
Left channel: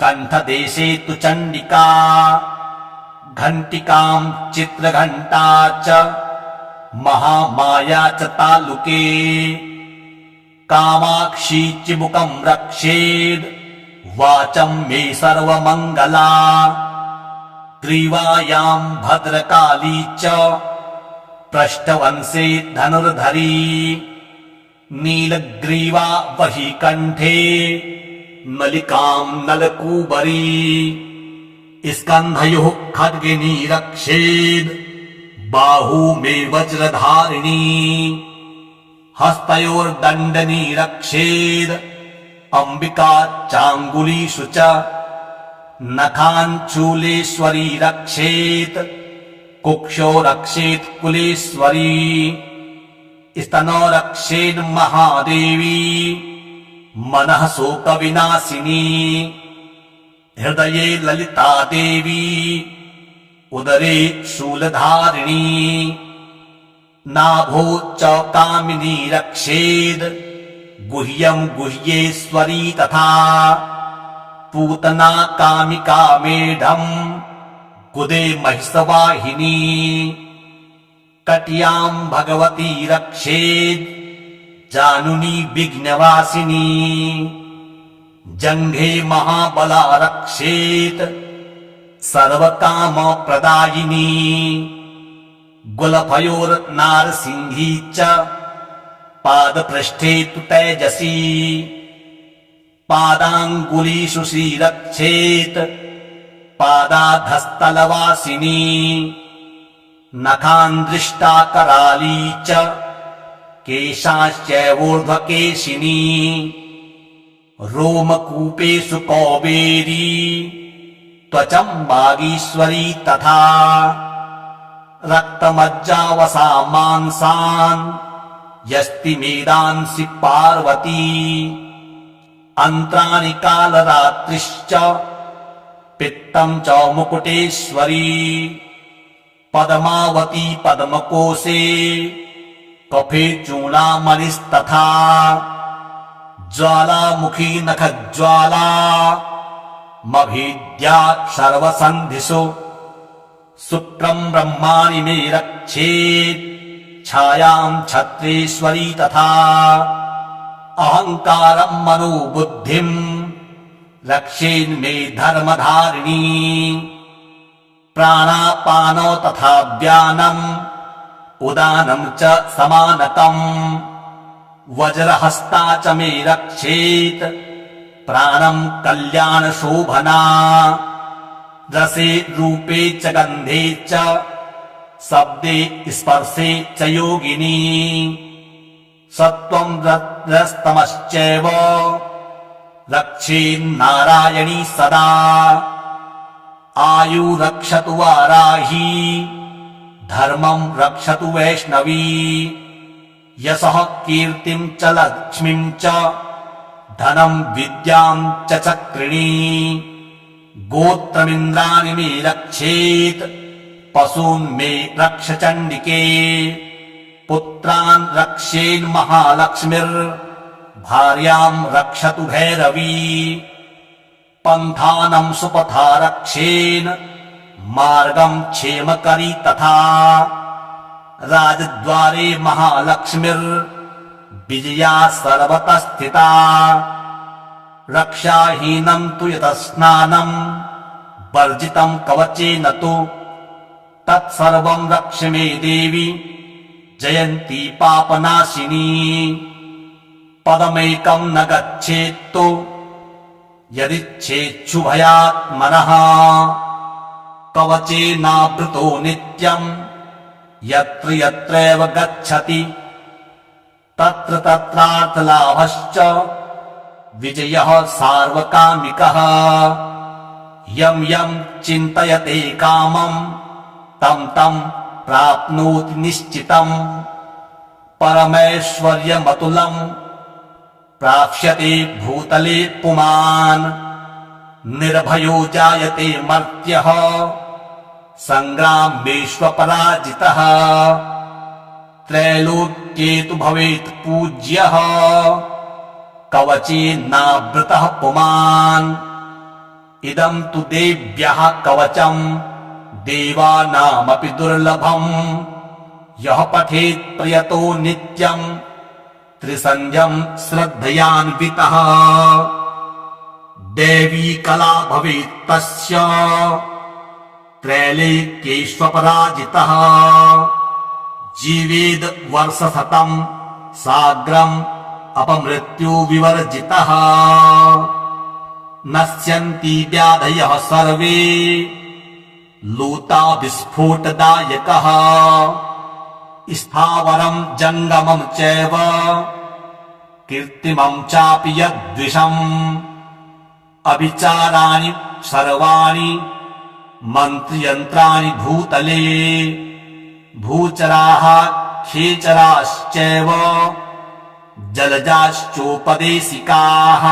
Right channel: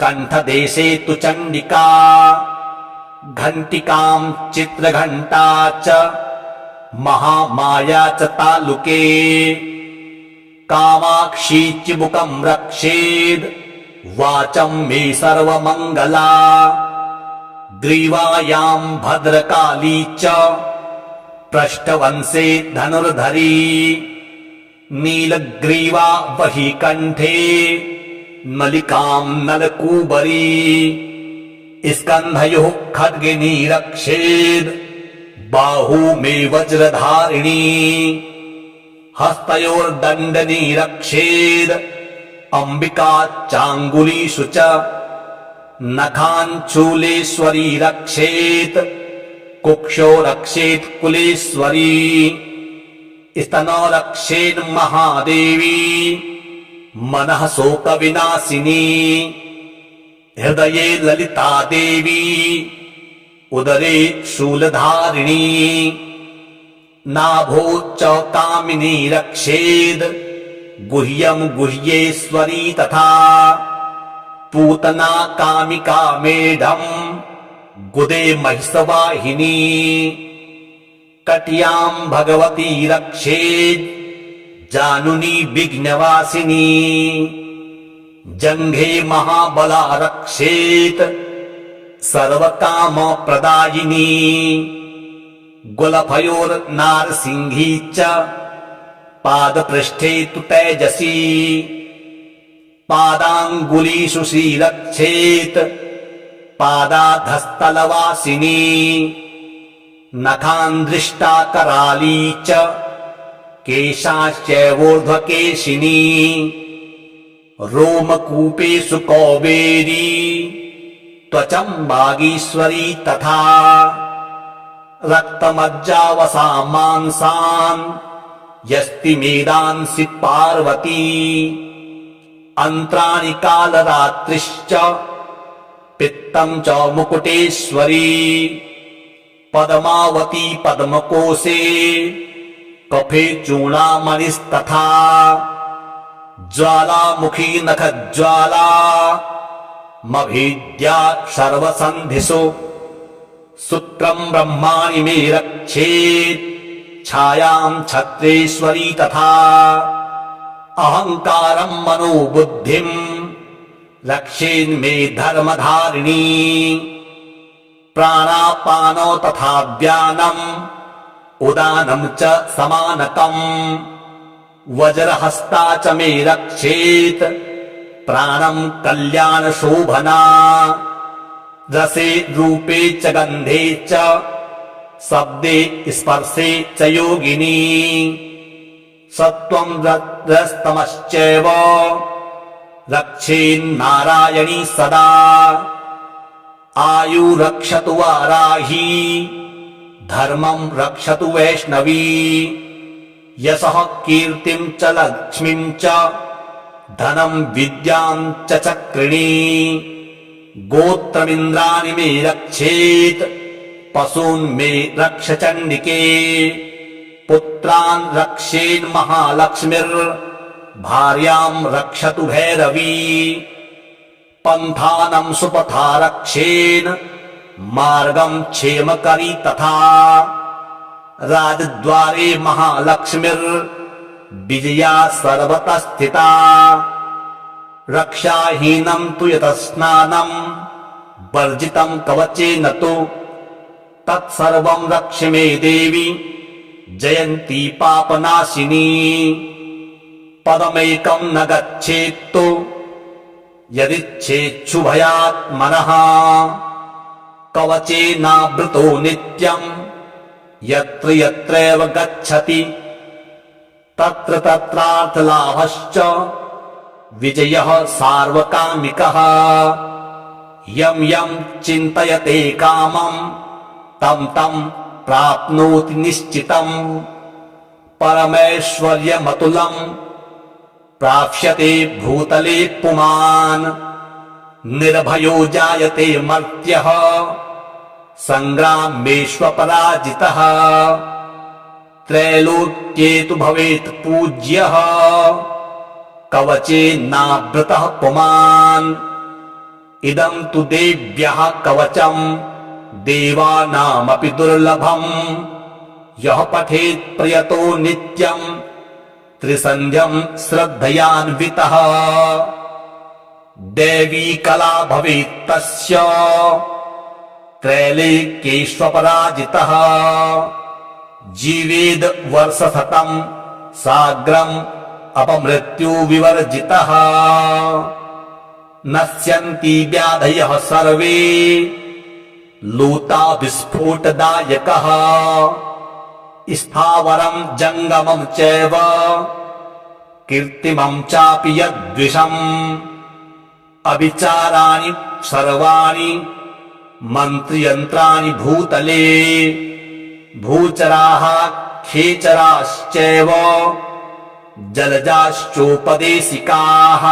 कण्ठदेशे तु चण्डिका घण्टिकां चित्रघण्टा च महामाया च तालुके कामाक्षी चिबुकं रक्षेद् वाचं मे सर्वमङ्गला ग्रीवायां भद्रकाली च पृष्ठवंशे धनुर्धरी नीलग्रीवा वही कण्ठे नलिकां नलकूबरी स्कन्धयोः खड्गिनी रक्षेद् बाहू मे वज्रधारिणी हस्तयोर्दण्डनी रक्षेद् अम्बिका चाङ्गुलीषु च नखाञ्चूलेश्वरी रक्षेत् कुक्षो रक्षेत् कुलेश्वरी स्तनो रक्षेन् महादेवी मनः शोकविनाशिनी हृदये ललिता देवी उदरे शूलधारिणी नाभो च कामिनी रक्षेद् गुह्यं गुह्येश्वरी तथा पूतना कामिका मेढम् गुदे महिषवाहिनी कट्यां भगवती रक्षेद् जानुनी विघ्नवासिनी जङ्घे महाबला रक्षेत् सर्वकामप्रदायिनी गुलफयोर्नारसिंही च पादपृष्ठे तु तेजसी पादाङ्गुलीषु श्रीरक्षेत् पादाधस्तलवासिनी नखान्दृष्टा कराली च केशाश्चैवोर्ध्वकेशिनी रोमकूपेषु कौबेरी त्वचं वागीश्वरी तथा रक्तमज्जावसा मांसान् यस्ति मेदांसि पार्वती अन्त्राणि कालरात्रिश्च पित्तं च मुकुटेश्वरी पद्मावती पद्मकोशे कफे चूडामणिस्तथा ज्वालामुखी नखज्वाला मभीद्या सर्वसन्धिषु शुक्रं ब्रह्माणि मे रक्षेत् छायां छत्रेश्वरी तथा अहङ्कारं मनोबुद्धिं रक्षेन्मे धर्मधारिणी प्राणापानो तथा व्यानम् उदानं च समानकम् वज्रहस्ता च मे रक्षेत् प्राणं कल्याणशोभना रसे रूपे च गन्धे च शब्दे स्पर्शे च योगिनी सत्त्वं रजस्तमश्चैव रक्षेन्नारायणी सदा आयु रक्षतु वाराही धर्मं रक्षतु वैष्णवी यशः कीर्तिं च लक्ष्मीं च धनं विद्यां च चक्रिणी गोत्रमिन्द्राणि मे रक्षेत् पशून् मे रक्ष चण्डिके पुत्रान् रक्षेन्महालक्ष्मीर्भार्यां रक्षतु भैरवी पन्थानं सुपथा रक्षेन् मार्गं क्षेमकरी तथा राजद्वारे महालक्ष्मीर्विजया सर्वतः स्थिता रक्षाहीनं तु यतस्नानं वर्जितं कवचेन तु तत्सर्वं रक्ष मे देवी जयन्ती पापनाशिनी पदमेकं न गच्छेत्तु यदिच्छेच्छुभयात् मनः कवचेनावृतो नित्यं यत्र यत्रैव गच्छति तत्र तत्रार्थलाभश्च विजयः सार्वकामिकः यं यं चिन्तयते कामं तं तं प्राप्नोति निश्चितम् परमैश्वर्यमतुलं प्राप्स्यते भूतले पुमान् निर्भयो जायते मर्त्यः संग्रामेष्वपराजितः त्रैलोक्ये तु भवेत् पूज्यः कवचेनावृतः पुमान् इदं तु देव्यः कवचम् देवानामपि दुर्लभम् यः पठेत् प्रयतो नित्यम् त्रिसन्ध्यम् श्रद्धयान्वितः देवी कला भवेत् तस्य त्रैलोक्येष्वपराजितः जीवेद वर्षशतं साग्रम् अपमृत्यु विवर्जितः नश्यन्ति व्याधयः सर्वे लूता विस्फोटदायकः स्थावरं जङ्गमं चैव कृत्रिमं चापि यद्विषम् अविचाराणि सर्वाणि मन्त्रयन्त्राणि भूतले भूचराः खेचराश्चैव जलजाश्चोपदेशिकाः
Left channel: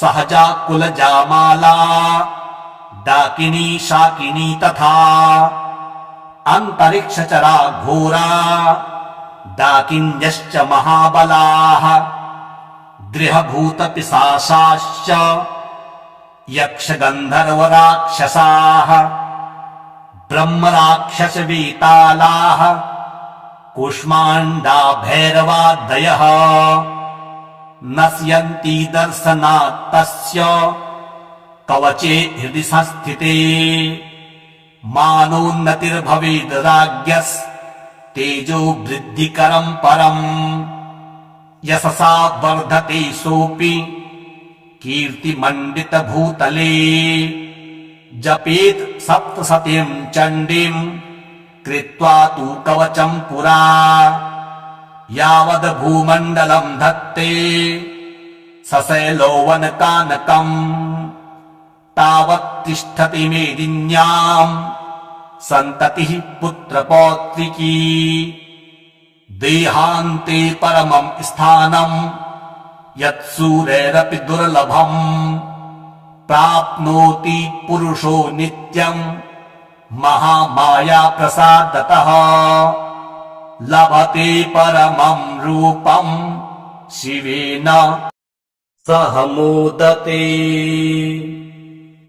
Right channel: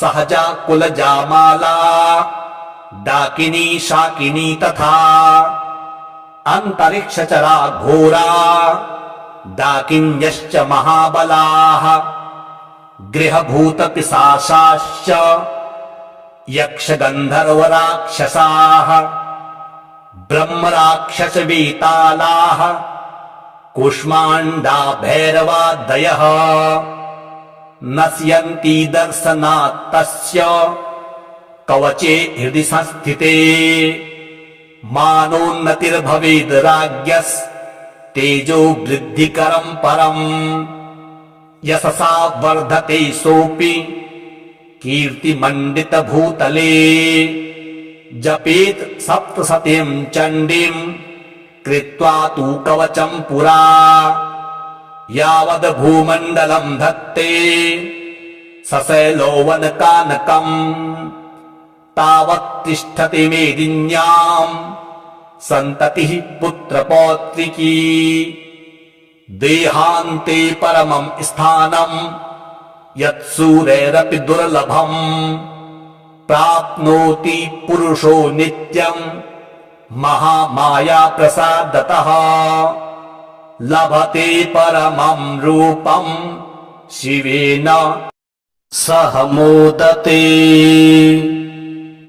सहजा कुलजामाला डाकिनी शाकिनी तथा अन्तरिक्षचरा घोरा डाकिन्यश्च महाबलाः गृहभूतपिशाचाश्च यक्षगन्धर्वराक्षसाः ब्रह्मराक्षसवेतालाः कूष्माण्डा भैरवादयः नश्यन्ति दर्शनात् तस्य कवचे हृदि संस्थिते मानोन्नतिर्भवेद् राज्ञस्तेजो वृद्धिकरं परम् यशसा वर्धते सोऽपि कीर्तिमण्डितभूतले जपेत् सप्तशतीं चण्डीं कृत्वा तु कवचं पुरा यावद् भूमण्डलं धत्ते सशैलोवनकानकम् तावत् तिष्ठति मेदिन्याम् सन्ततिः पुत्रपौत्रिकी देहान्ते परमं स्थानम् यत्सूरैरपि दुर्लभम् प्राप्नोति पुरुषो नित्यम् महामाया प्रसादतः लभते परमं रूपम् शिवेन सह मोदते।